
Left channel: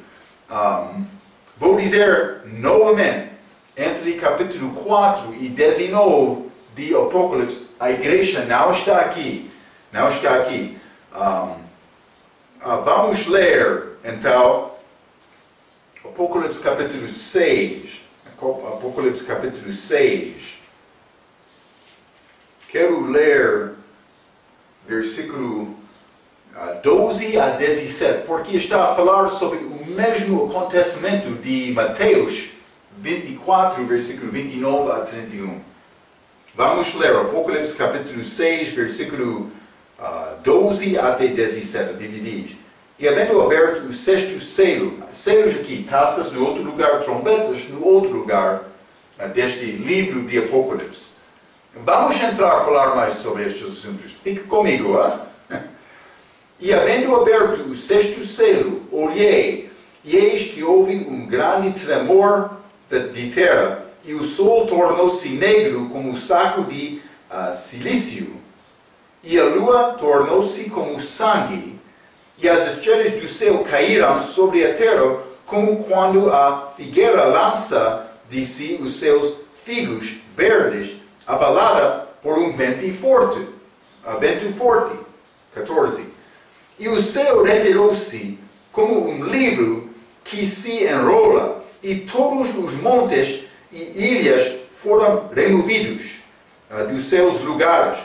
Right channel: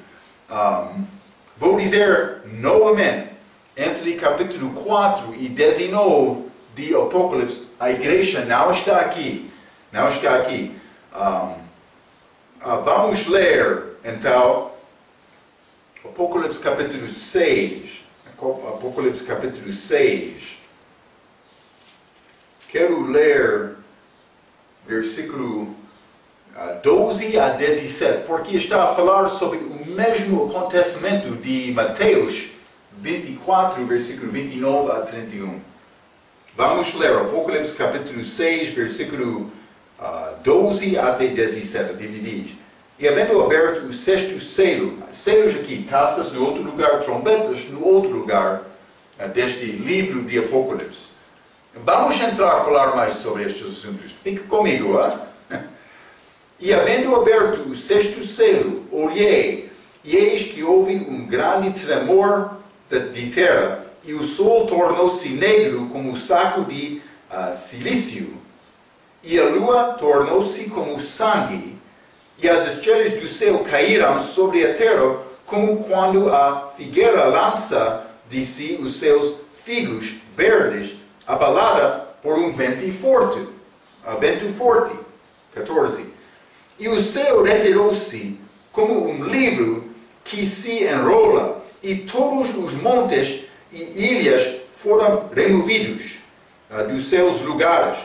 Vou dizer novamente, entre capítulo 4 e 19 de Apocalipse, a igreja não está aqui. Não está aqui. Vamos ler, então, Apocalipse capítulo 6. Apocalipse capítulo 6. Quero ler versículo 12 a 17, porque está a falar sobre o mesmo acontecimento de Mateus 24, versículo 29 a 31. Vamos ler Apocalipse capítulo 6, versículo 12 até 17. A Bíblia diz: E havendo aberto o sexto selo, selos aqui, taças no outro lugar, trombetas no outro lugar, deste livro de Apocalipse. Vamos entrar a falar mais sobre estes assuntos. Fique comigo, E havendo aberto o sexto selo, olhei, e eis que houve um grande tremor de terra, e o sol tornou-se negro como um saco de silício, e a lua tornou-se como sangue, e as estrelas do céu caíram sobre a terra, como quando a figueira lança de si os seus figos verdes, abalada por um vento forte. 14. E o céu retirou-se como um livro que se enrola, e todos os montes e ilhas foram removidos dos seus lugares.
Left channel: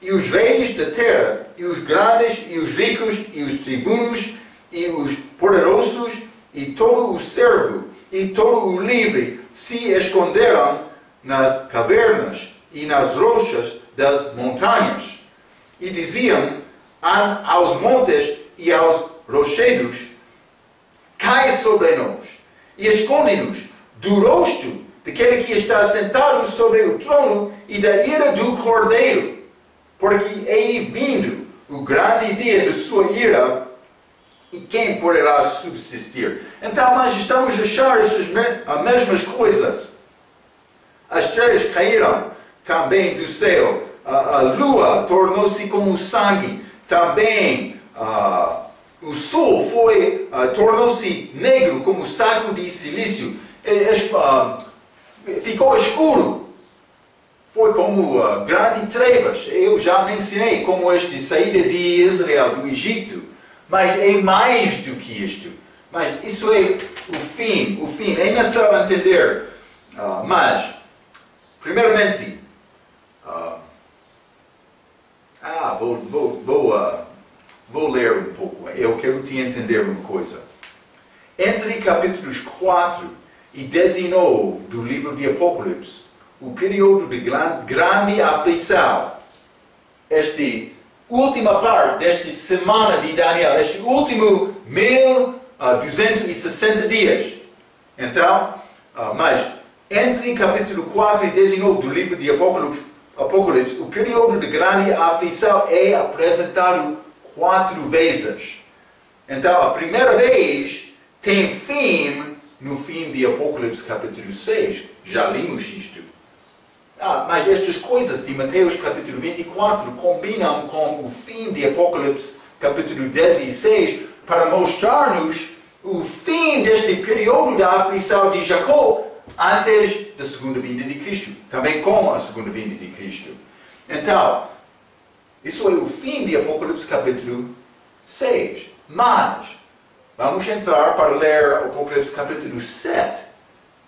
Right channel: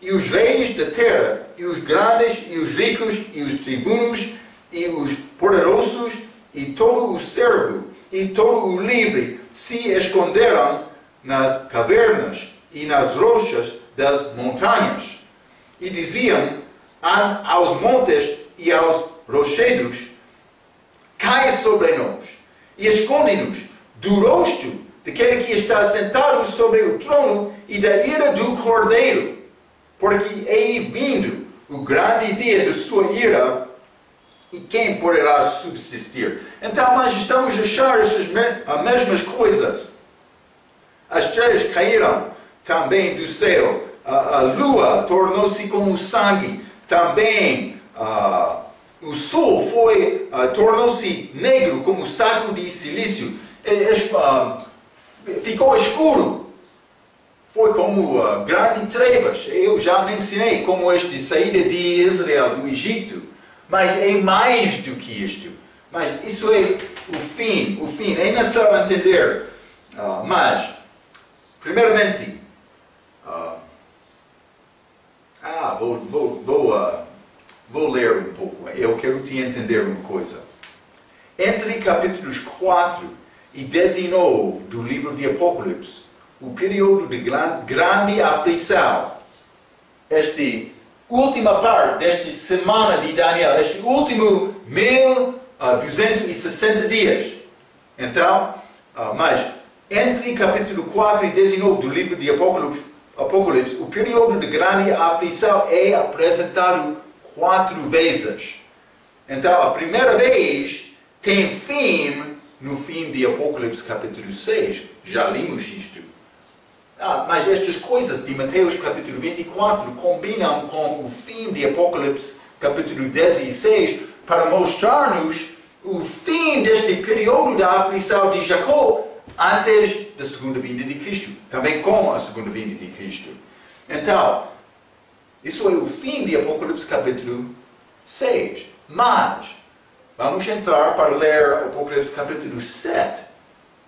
E os reis da terra, e os grandes, e os ricos, e os tribunos, e os poderosos, e todo o servo, e todo o livre, se esconderam nas cavernas e nas rochas das montanhas. E diziam aos montes e aos rochedos: Cai sobre nós, e esconde-nos do rosto daquele que está sentado sobre o trono e da ira do Cordeiro, porque é vindo o grande dia de sua ira, e quem poderá subsistir? Então, nós estamos a achar as mesmas coisas. As estrelas caíram também do céu, a lua tornou-se como sangue, também o sol tornou-se negro como saco de silício, ficou escuro, foi como grandes trevas. Eu já mencionei como esta saída de Israel do Egito, mas é mais do que isto. Mas isso é o fim, é necessário entender. Mas, primeiramente, vou ler um pouco. Eu quero te entender uma coisa. Entre capítulos 4 e 19 do livro de Apocalipse, o período de grande aflição, esta última parte desta semana de Daniel, este último 1260 dias. Então, mas entre capítulo 4 e 19 do livro de Apocalipse, o período de grande aflição é apresentado 4 vezes. Então, a primeira vez tem fim no fim de Apocalipse capítulo 6. Já limos isto. Mas estas coisas de Mateus capítulo 24 combinam com o fim de Apocalipse capítulo 16 para mostrar-nos o fim deste período da aflição de Jacó antes da segunda vinda de Cristo, também com a segunda vinda de Cristo. Então, isso é o fim de Apocalipse capítulo 6. Mas, vamos entrar para ler Apocalipse capítulo 7,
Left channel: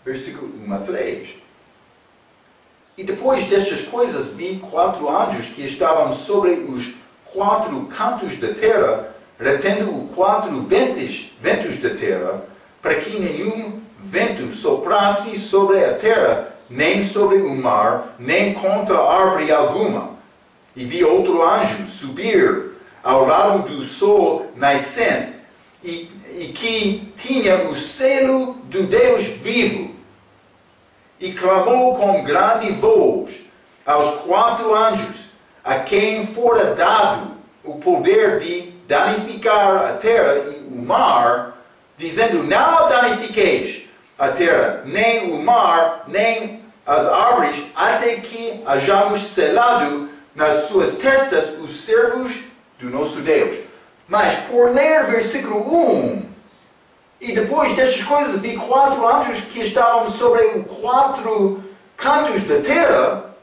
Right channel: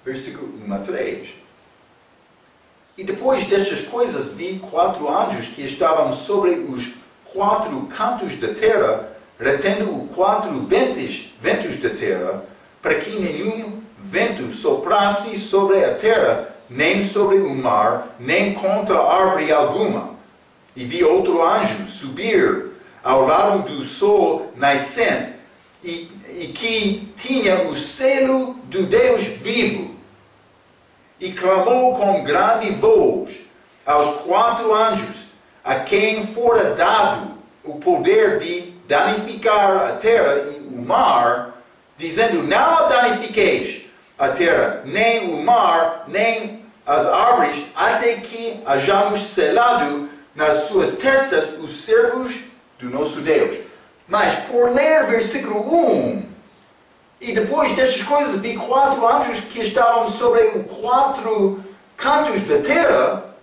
versículo 1 a 3. E depois destas coisas vi 4 anjos que estavam sobre os 4 cantos da terra, retendo os 4 ventos da terra, para que nenhum vento soprasse sobre a terra, nem sobre o mar, nem contra árvore alguma. E vi outro anjo subir ao lado do sol nascente, e que tinha o selo do Deus vivo. E clamou com grande voz aos 4 anjos, a quem fora dado o poder de danificar a terra e o mar, dizendo: Não danifiqueis a terra, nem o mar, nem as árvores, até que hajamos selado nas suas testas os servos do nosso Deus. Mas por ler versículo 1, e depois destas coisas vi 4 anjos que estavam sobre os 4 cantos da terra,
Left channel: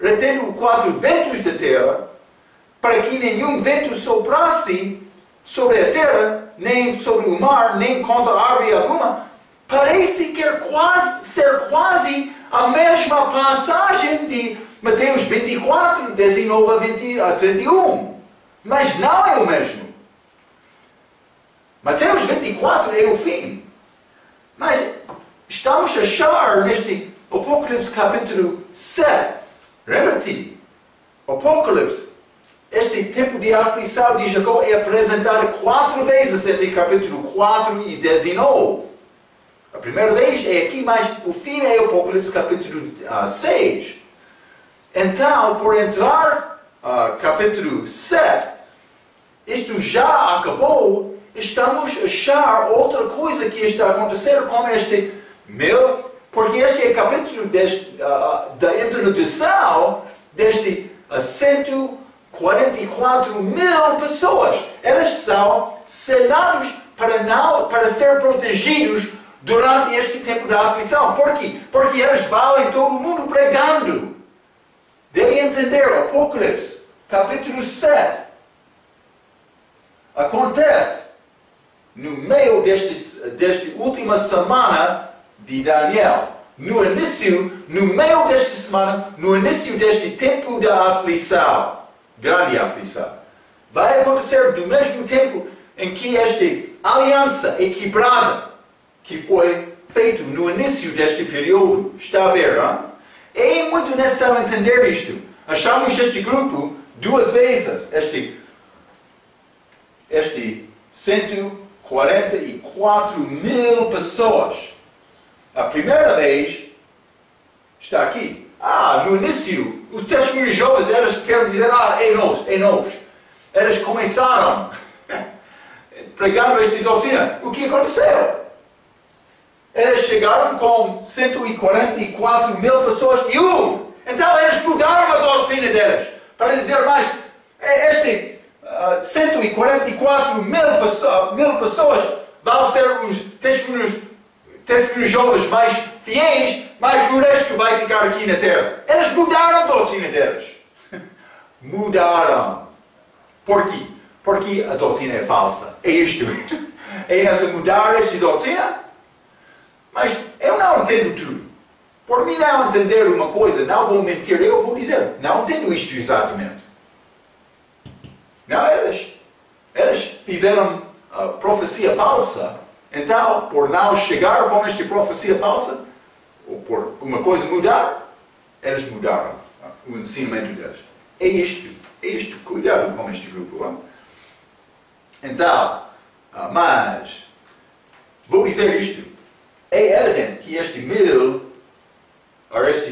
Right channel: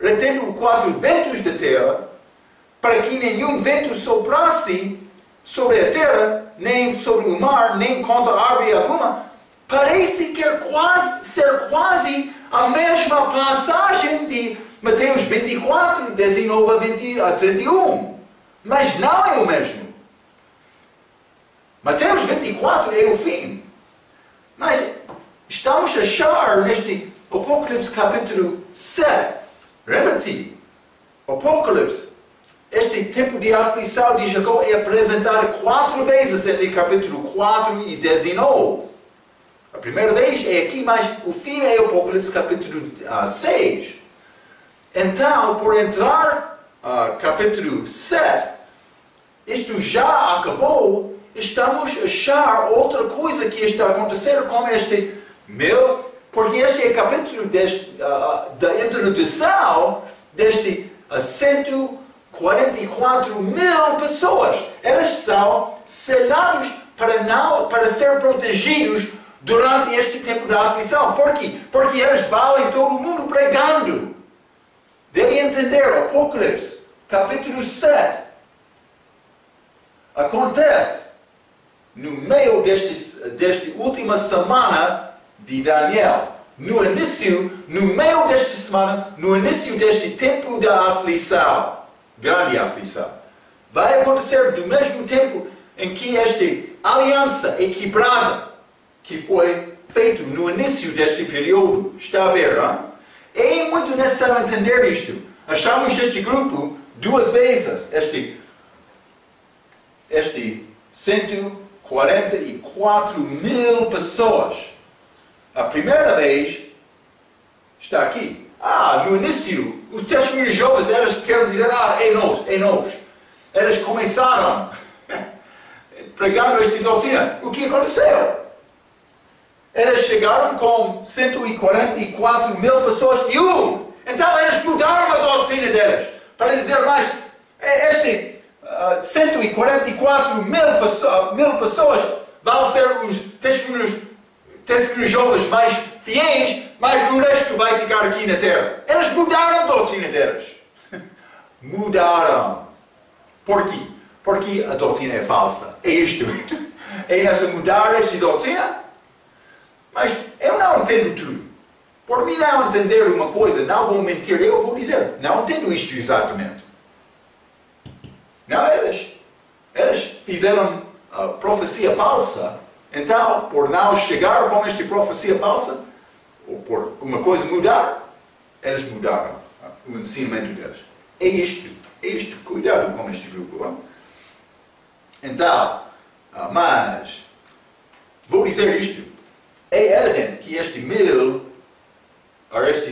retendo os 4 ventos da terra, para que nenhum vento soprasse sobre a terra, nem sobre o mar, nem contra árvore alguma. Parece que ser quase a mesma passagem de Mateus 24, 19 a 31. Mas não é o mesmo. Mateus 24 é o fim. Mas estamos a achar neste Apocalipse capítulo 7 Lembra-te, Apocalipse, este tempo de aflição de Jacó é apresentado 4 vezes entre capítulo 4 e 19. A primeira vez é aqui, mas o fim é o Apocalipse capítulo 6. Então, por entrar capítulo 7, isto já acabou, estamos a achar outra coisa que está a acontecer com este porque este é capítulo da introdução deste 144 mil pessoas. Elas são selados para ser protegidos durante este tempo da aflição. Por quê? Porque elas vão em todo o mundo pregando. Deve entender, Apocalipse, capítulo 7, acontece no meio desta última semana de Daniel. No meio desta semana, no início deste tempo da aflição, grande aflição, vai acontecer do mesmo tempo em que esta aliança é quebrada, que foi feito no início deste período. Está a ver, não? É muito necessário entender isto. Achamos este grupo 2 vezes, este 144 mil pessoas. A primeira vez está aqui. No início, os testemunhos jovens, elas querem dizer, é nós. Elas começaram pregando esta doutrina. O que aconteceu? Elas chegaram com 144 mil pessoas e então elas mudaram a doutrina delas. Para dizer mais, 144 mil pessoas vão ser os testemunhos jovens mais fiéis, mas o resto vai ficar aqui na terra. Elas mudaram a doutrina delas. Mudaram. Por quê? Porque a doutrina é falsa. É isto. É nessa mudar esta doutrina. Mas eu não entendo tudo. Por mim não entender uma coisa, não vou mentir, eu vou dizer, não entendo isto exatamente. Não, elas fizeram a profecia falsa. Então, por não chegar com esta profecia falsa, ou por uma coisa mudar, elas mudaram o ensinamento delas. É isto. Cuidado com este grupo. Hein? Então, mas, vou dizer isto. É evidente que estes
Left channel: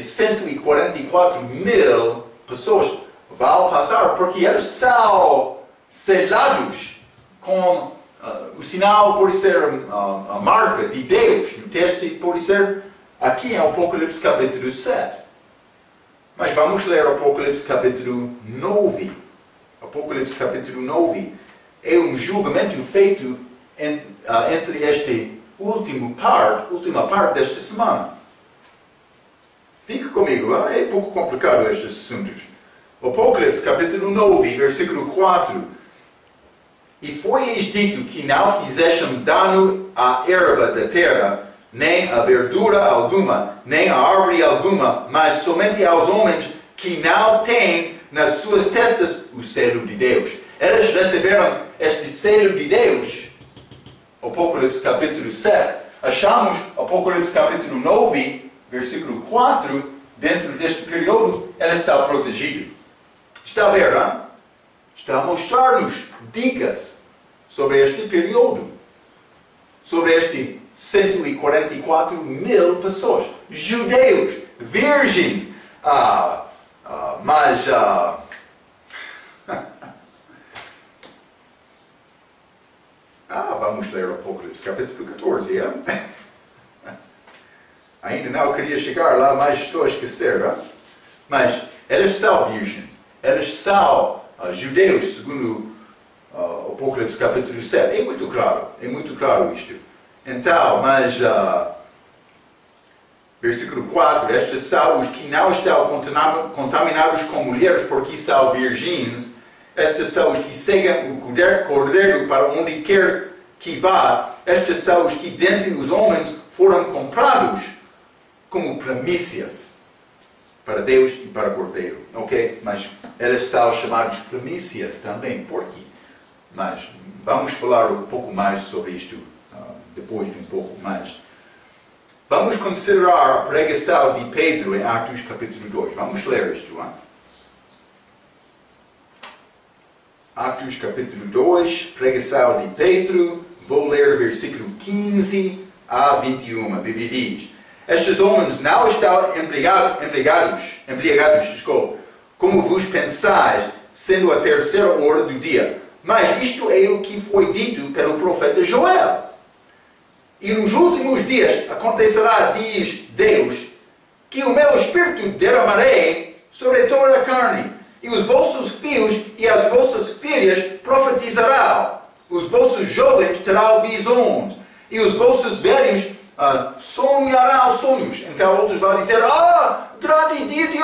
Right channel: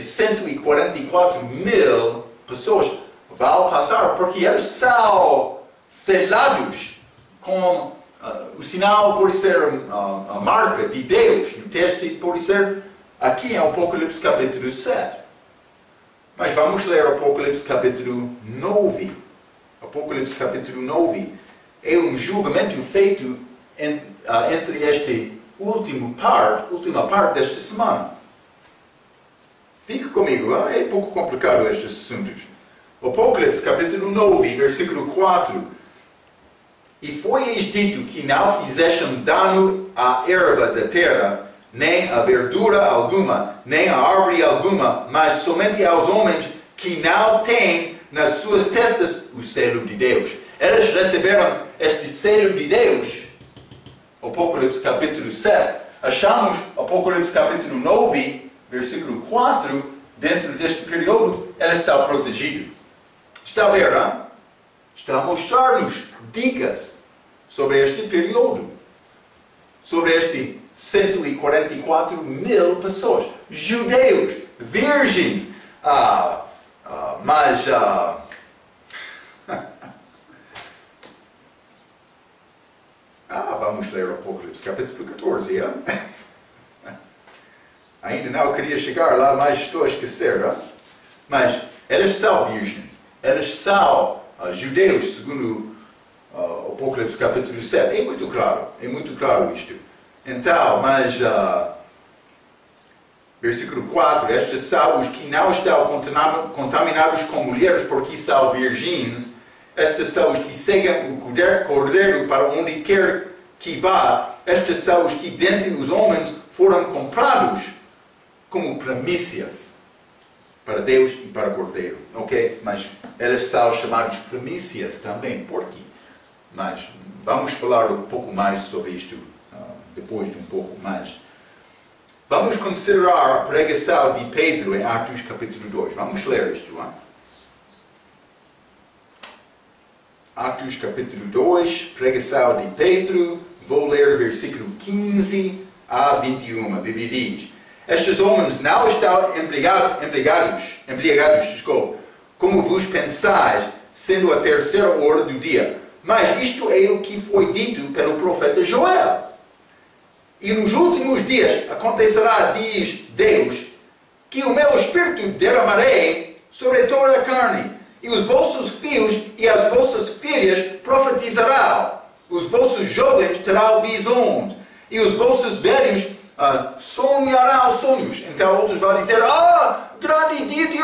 144 mil pessoas vão passar, porque eles são selados com o sinal, pode ser a marca de Deus. No texto pode ser aqui em Apocalipse capítulo 7. Mas vamos ler Apocalipse capítulo 9. Apocalipse capítulo 9 é um julgamento feito entre esta última parte desta semana. Fique comigo, é pouco complicado estes assuntos. Apocalipse capítulo 9, versículo 4. E foi-lhes dito que não fizessem dano à erva da terra, nem a verdura alguma, nem a árvore alguma, mas somente aos homens que não têm nas suas testas o selo de Deus. Eles receberam este selo de Deus. Apocalipse capítulo 7. Achamos Apocalipse capítulo 9, versículo 4, dentro deste período, eles estão protegidos. Está a ver, não? Está a mostrar-nos dicas sobre este período. Sobre este 144 mil pessoas. Judeus, virgens, vamos ler o Apocalipse capítulo 14, é? Ainda não queria chegar lá, mas estou a esquecer, não? Mas eles são virgens, eles são judeus, segundo o Apocalipse capítulo 7. É muito claro isto. Então, mas versículo 4, estes são os que não estão contaminados com mulheres porque são virgens. Estes são os que seguem o cordeiro para onde quer que vá. Estes são os que dentre os homens foram comprados como primícias para Deus e para o cordeiro. Ok? Mas eles são chamados primícias também. Por quê? Mas vamos falar um pouco mais sobre isto depois de um pouco mais. Vamos considerar a pregação de Pedro em Atos capítulo 2. Vamos ler isto, hein? Atos capítulo 2, pregação de Pedro. Vou ler versículo 15 a 21. A Bíblia diz: estes homens não estão embriagados, como vos pensais, sendo a terceira hora do dia. Mas isto é o que foi dito pelo profeta Joel. E nos últimos dias acontecerá, diz Deus, que o meu espírito derramarei sobre toda a carne, e os vossos filhos e as vossas filhas profetizarão, os vossos jovens terão visões, e os vossos velhos sonharão sonhos. Então outros vão dizer: grande dia de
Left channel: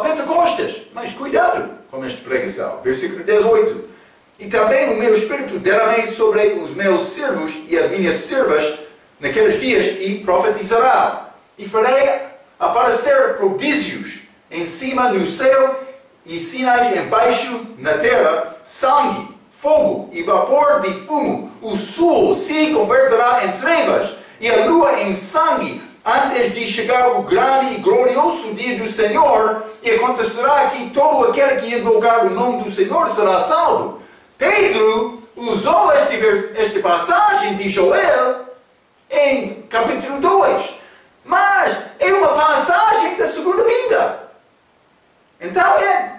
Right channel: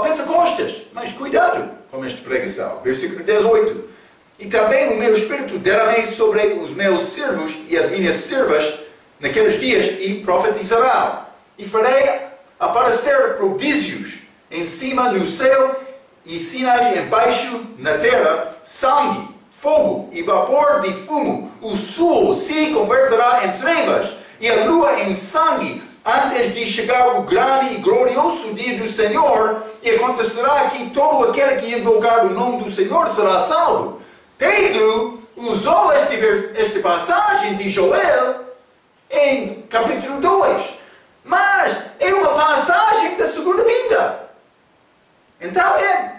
Pentecostes. Mas cuidado com esta pregação. Versículo 18. E também o meu espírito derramei sobre os meus servos e as minhas servas naqueles dias, e profetizarão. E farei aparecer prodígios em cima no céu e sinais embaixo na terra: sangue, fogo e vapor de fumo. O sol se converterá em trevas e a lua em sangue, antes de chegar o grande e glorioso dia do Senhor. E acontecerá que todo aquele que invocar o nome do Senhor será salvo. Pedro usou esta passagem de Joel em capítulo 2. Mas é uma passagem da segunda vinda. Então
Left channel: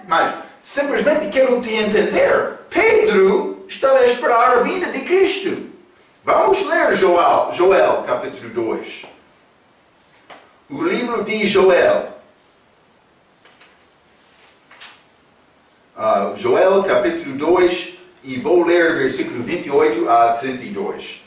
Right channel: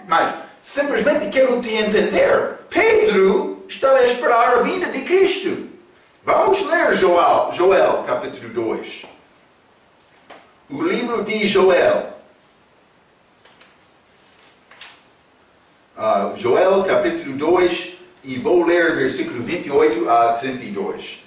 mas simplesmente quero te entender. Pedro estava a esperar a vinda de Cristo. Vamos ler Joel capítulo 2. O livro de Joel. Joel capítulo 2, e vou ler versículo 28 a 32.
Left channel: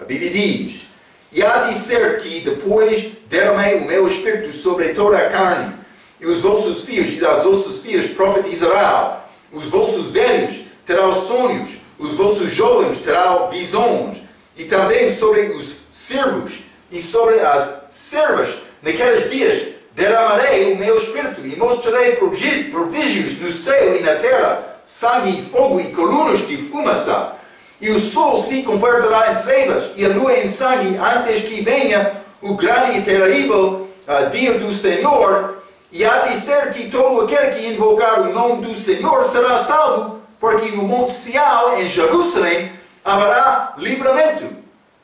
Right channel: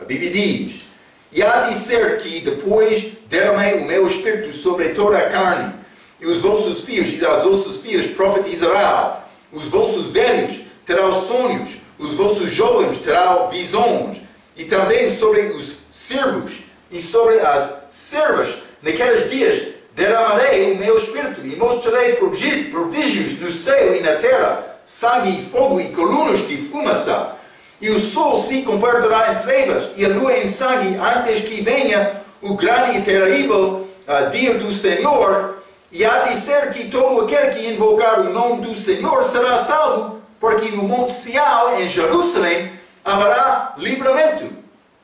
A Bíblia diz: e há de ser que depois derramei o meu espírito sobre toda a carne, e os vossos filhos e as vossas filhas profetizarão, os vossos velhos terão sonhos, os vossos jovens terão visões, e também sobre os servos e sobre as servas naqueles dias derramarei o meu espírito, e mostrarei prodígios no céu e na terra, sangue e fogo e colunas de fumaça. E o sol se converterá em trevas e a lua em sangue, antes que venha o grande e terrível dia do Senhor. E há de ser que todo aquele que invocar o nome do Senhor será salvo, porque no Monte Sião, em Jerusalém, haverá livramento.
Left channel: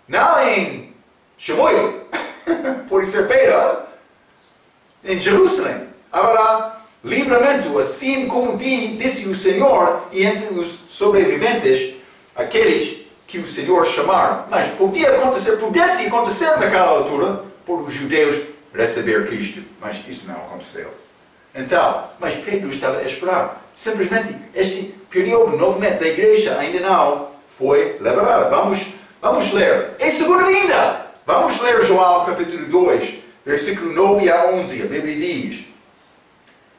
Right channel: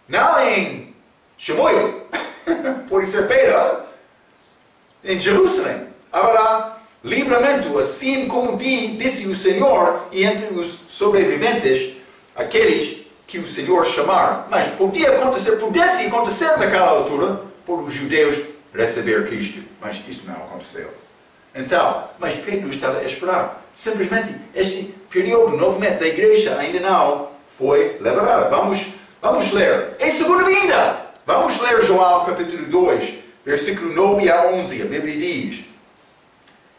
Não em Chimoio, por ser Pedro. Em Jerusalém haverá livramento, assim como disse o Senhor, e entre os sobreviventes, aqueles que o Senhor chamar. Mas pudesse acontecer naquela altura, por os judeus receber Cristo. Mas isso não aconteceu. Então, mas Pedro estava a esperar. Simplesmente este período, novamente, da igreja ainda não foi liberada. Vamos ler. Em segunda vinda, vamos ler Joel capítulo 2, versículo 9 a 11. A Bíblia diz:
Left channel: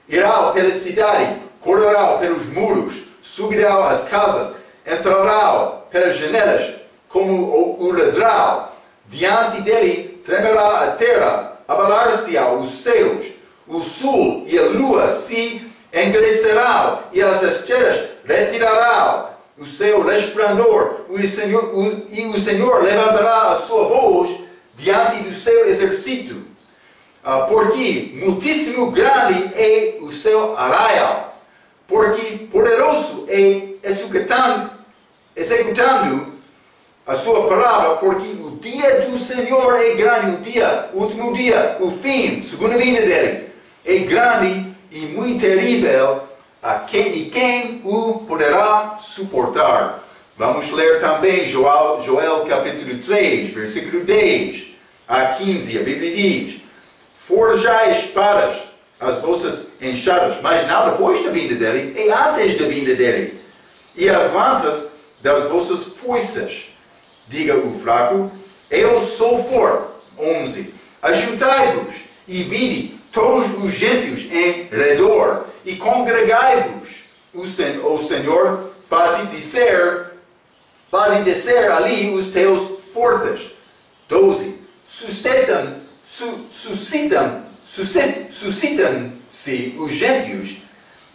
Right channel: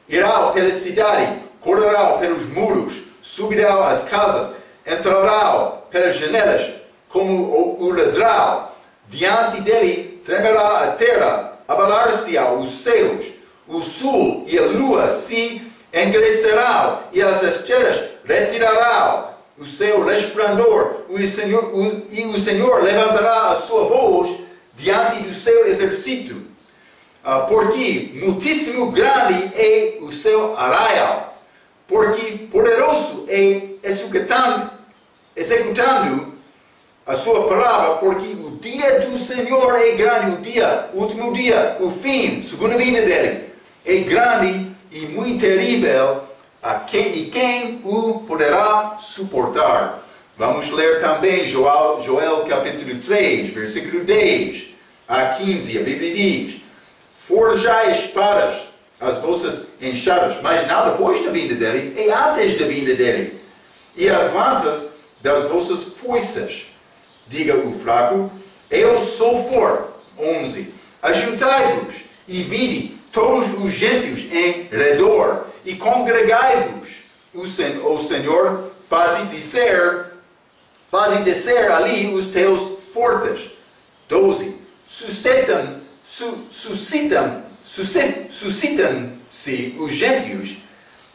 irão pela cidade, correrão pelos muros, subirão às casas, entrarão pelas janelas como o ladrão. Diante dele tremerá a terra, abalar-se-ão os céus, o sol e a lua se engrecerão, e as estrelas retirarão o seu resplandor, e o Senhor levantará a sua voz diante do seu exército, porque muitíssimo grande é o seu arraial, porque poderoso é executando a sua palavra, porque o dia do Senhor é grande, o último dia, o fim, segunda vinda dele, é grande e muito terrível, e quem o poderá suportar? Vamos ler também Joel capítulo 3, versículo 10 a 15. A Bíblia diz: forjai espadas, as vossas enxadas, mas não depois da vinda dele, é antes da vinda dele, e as lanças das vossas foices. Diga o fraco: eu sou forte. 11. Ajuntai-vos e vinde todos os gentios em redor, e congregai-vos. O Senhor fazem descer ali os teus fortes. 12. Suscitam-se os gentios,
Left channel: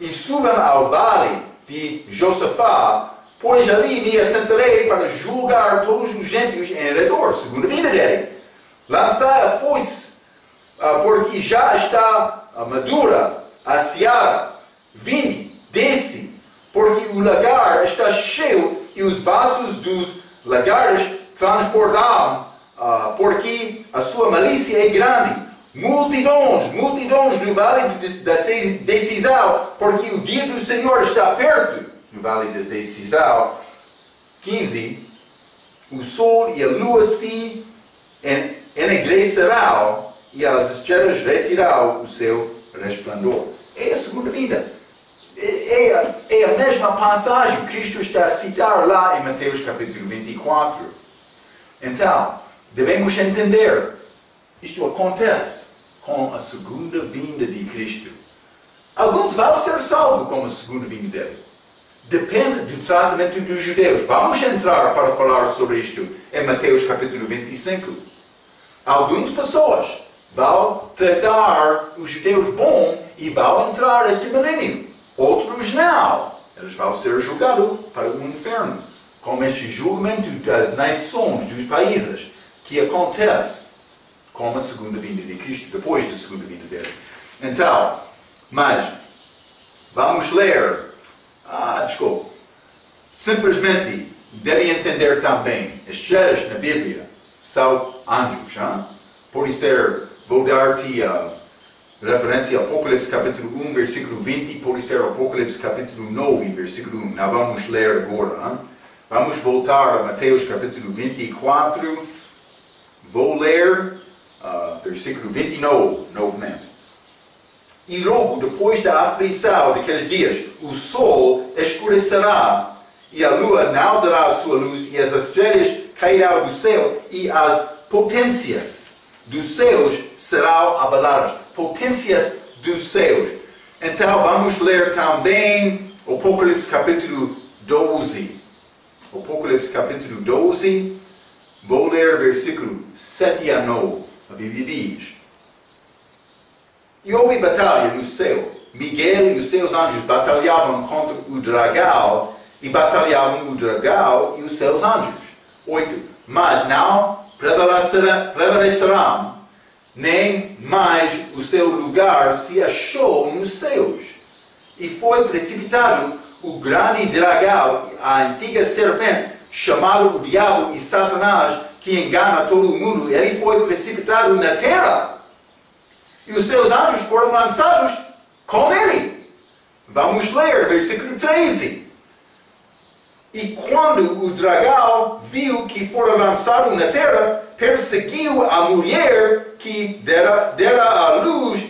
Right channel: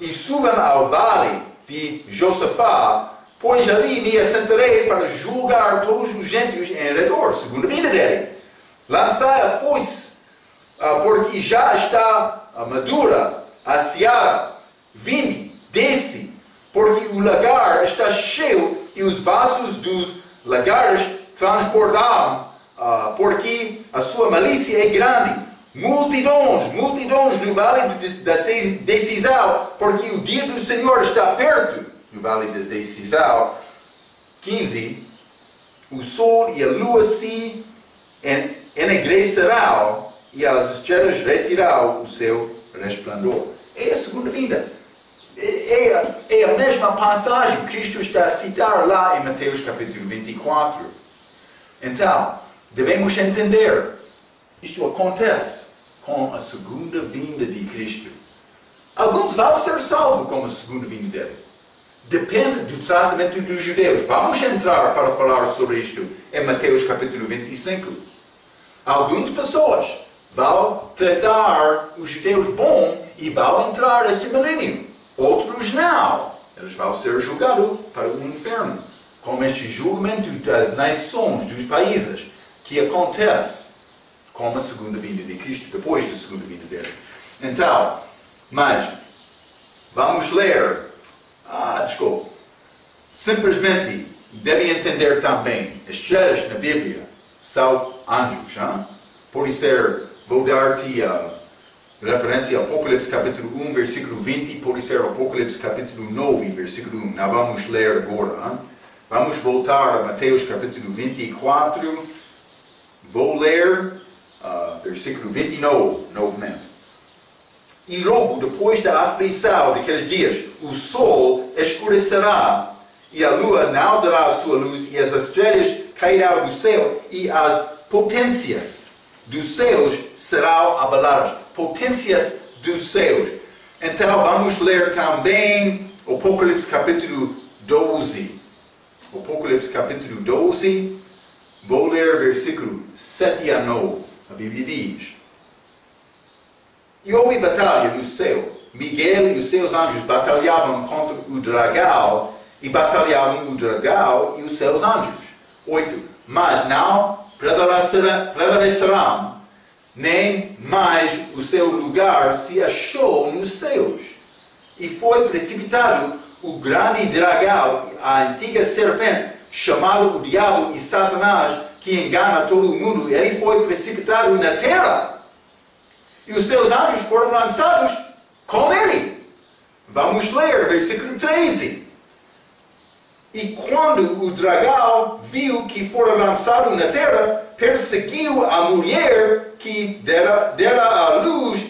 e subam ao vale de Josafá, pois ali me assentarei para julgar todos os gentios em redor, segunda vinda dele. Lançai a foice, porque já está madura a seara. Vinde, desce, porque o lagar está cheio e os vasos dos lagares transbordaram, porque a sua malícia é grande. Multidões no vale da decisão, porque o dia do Senhor está perto, no vale da decisão. 15. O sol e a lua se enegrecerão e as estrelas retirarão o seu resplendor. É a segunda vinda. É a mesma passagem que Cristo está a citar lá em Mateus capítulo 24. Então, devemos entender, isto acontece com a segunda vinda de Cristo. Alguns vão ser salvos com a segunda vinda dele. Depende do tratamento dos judeus. Vamos entrar para falar sobre isto em Mateus capítulo 25. Algumas pessoas vão tratar os judeus bom e vão entrar neste milênio. Outros não. Eles vão ser julgados para o inferno. Com este julgamento das nações, dos países, que acontece com a segunda vinda de Cristo, depois da segunda vinda dele. Então, mas, vamos ler. Simplesmente, devem entender também, estrelas na Bíblia são anjos. Pode ser, vou dar-te a referência a Apocalipse capítulo 1, versículo 20, pode ser Apocalipse capítulo 9, versículo 1. Não vamos ler agora. Vamos voltar a Mateus capítulo 24. Vou ler versículo 29, novamente. E logo depois da aflição daqueles dias, o sol escurecerá, e a lua não dará a sua luz, e as estrelas cairão do céu, e as potências dos céus serão abaladas. Potências dos céus. Então vamos ler também Apocalipse capítulo 12. Apocalipse capítulo 12. Vou ler versículo 7 a 9. A Bíblia diz: E houve batalha no céu. Miguel e os seus anjos batalhavam contra o dragão, e batalhavam o dragão e os seus anjos. 8. Mas não prevalecerão, nem mais o seu lugar se achou nos céus. E foi precipitado o grande dragão, a antiga serpente, chamado o diabo e Satanás, que engana todo o mundo. Ele foi precipitado na terra. E os seus anjos foram lançados com ele. Vamos ler versículo 13. E quando o dragão viu que fora lançado na terra, perseguiu a mulher que dera à luz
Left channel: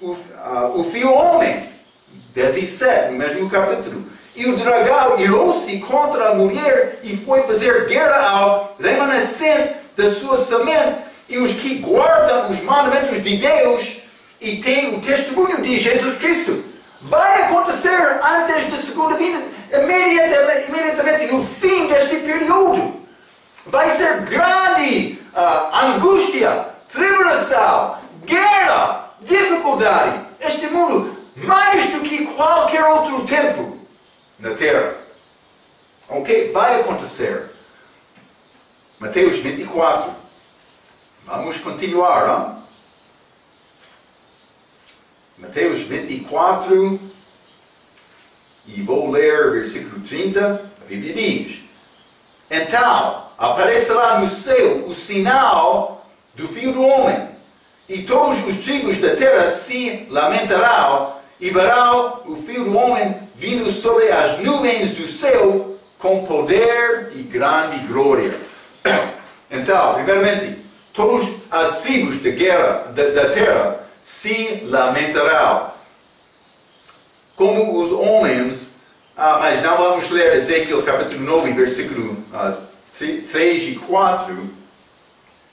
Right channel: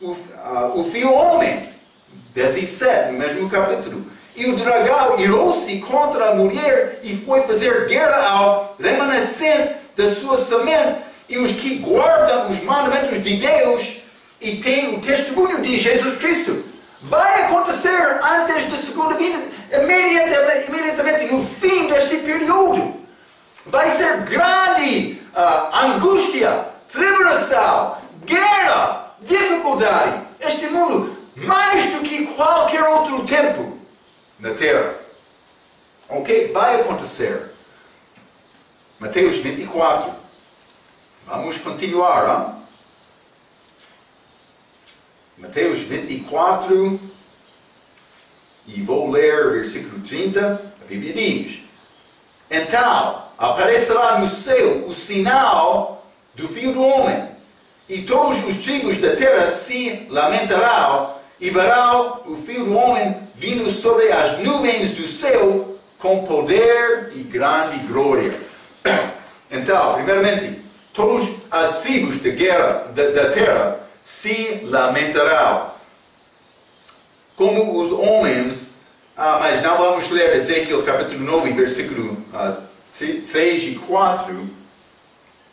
o filho homem. 17, no mesmo capítulo. E o dragão irou-se contra a mulher e foi fazer guerra ao remanescente da sua semente, e os que guardam os mandamentos de Deus e têm o testemunho de Jesus Cristo. Vai acontecer antes da segunda vinda, imediatamente no fim deste período. Vai ser grande angústia, tribulação, guerra, dificuldade. Este mundo, mais do que qualquer outro tempo na terra. Ok? Vai acontecer. Mateus 24. Vamos continuar. Mateus 24. E vou ler versículo 30. A Bíblia diz: Então aparecerá no céu o sinal do Filho do Homem, e todos os tribos da terra se lamentarão, e verão o Filho do Homem vindo sobre as nuvens do céu com poder e grande glória. Então, primeiramente, todas as tribos da terra se lamentarão. Como os homens, mas não vamos ler Ezequiel capítulo 9, versículo 3 e 4,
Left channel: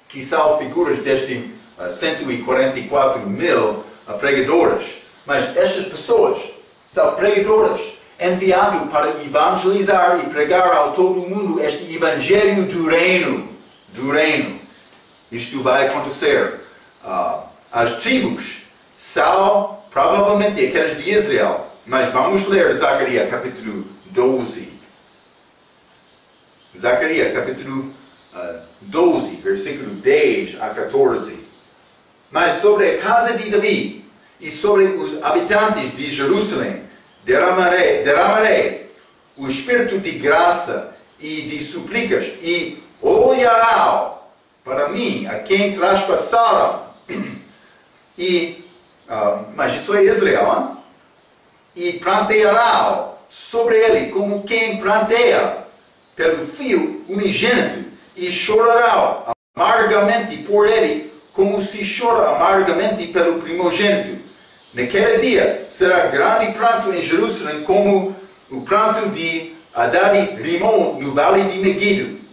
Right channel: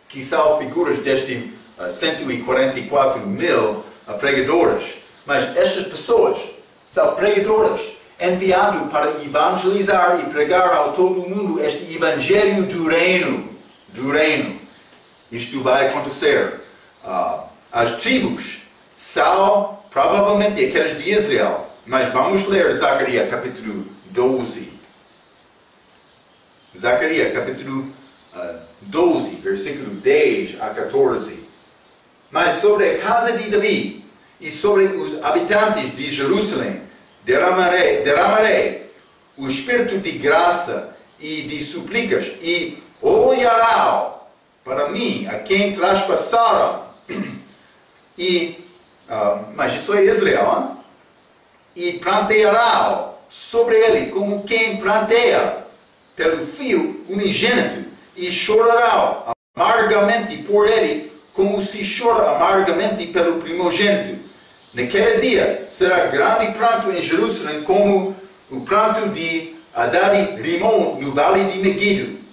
que são figuras destes 144 mil pregadores. Mas estas pessoas são pregadoras, enviadas para evangelizar e pregar ao todo o mundo este evangelho do reino. Isto vai acontecer. As tribos são provavelmente aquelas de Israel. Mas vamos ler Zacarias capítulo 12. Zacarias capítulo 12, versículo 10 a 14. Mas sobre a casa de Davi e sobre os habitantes de Jerusalém derramarei o espírito de graça e de súplicas, e olharão para mim a quem traspassaram. Mas isso é Israel, hein? E prantearão sobre ele como quem pranteia pelo filho unigênito, e chorarão amargamente por ele, como se chora amargamente pelo primogênito. Naquele dia será grande pranto em Jerusalém, como o pranto de Adad-Rimon no vale de Megido.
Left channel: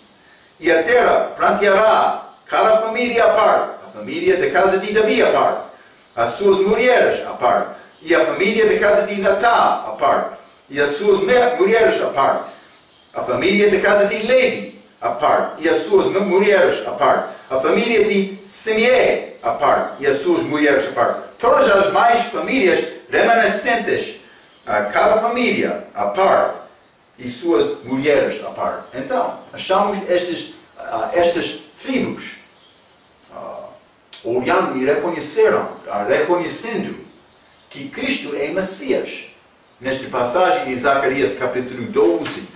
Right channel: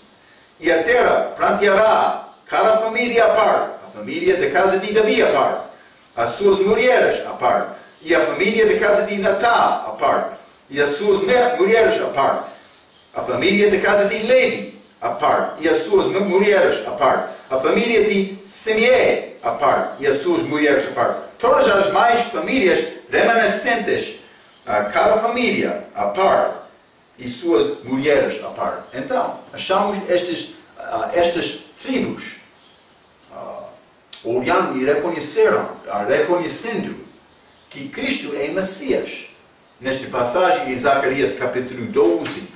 E a terra pranteará, cada família à parte, a família da casa de Davi à parte, as suas mulheres à parte, e a família da casa de Natã à parte, e as suas mulheres à parte, a família da casa de Levi à parte, e as suas mulheres à parte, a família de Simei à parte, e as suas mulheres à parte. Todas as mais famílias remanescentes, cada família à parte, e suas mulheres à parte. Então, achamos estas tribos olhando e reconhecendo que Cristo é Messias. Nesta passagem de Zacarias capítulo 12,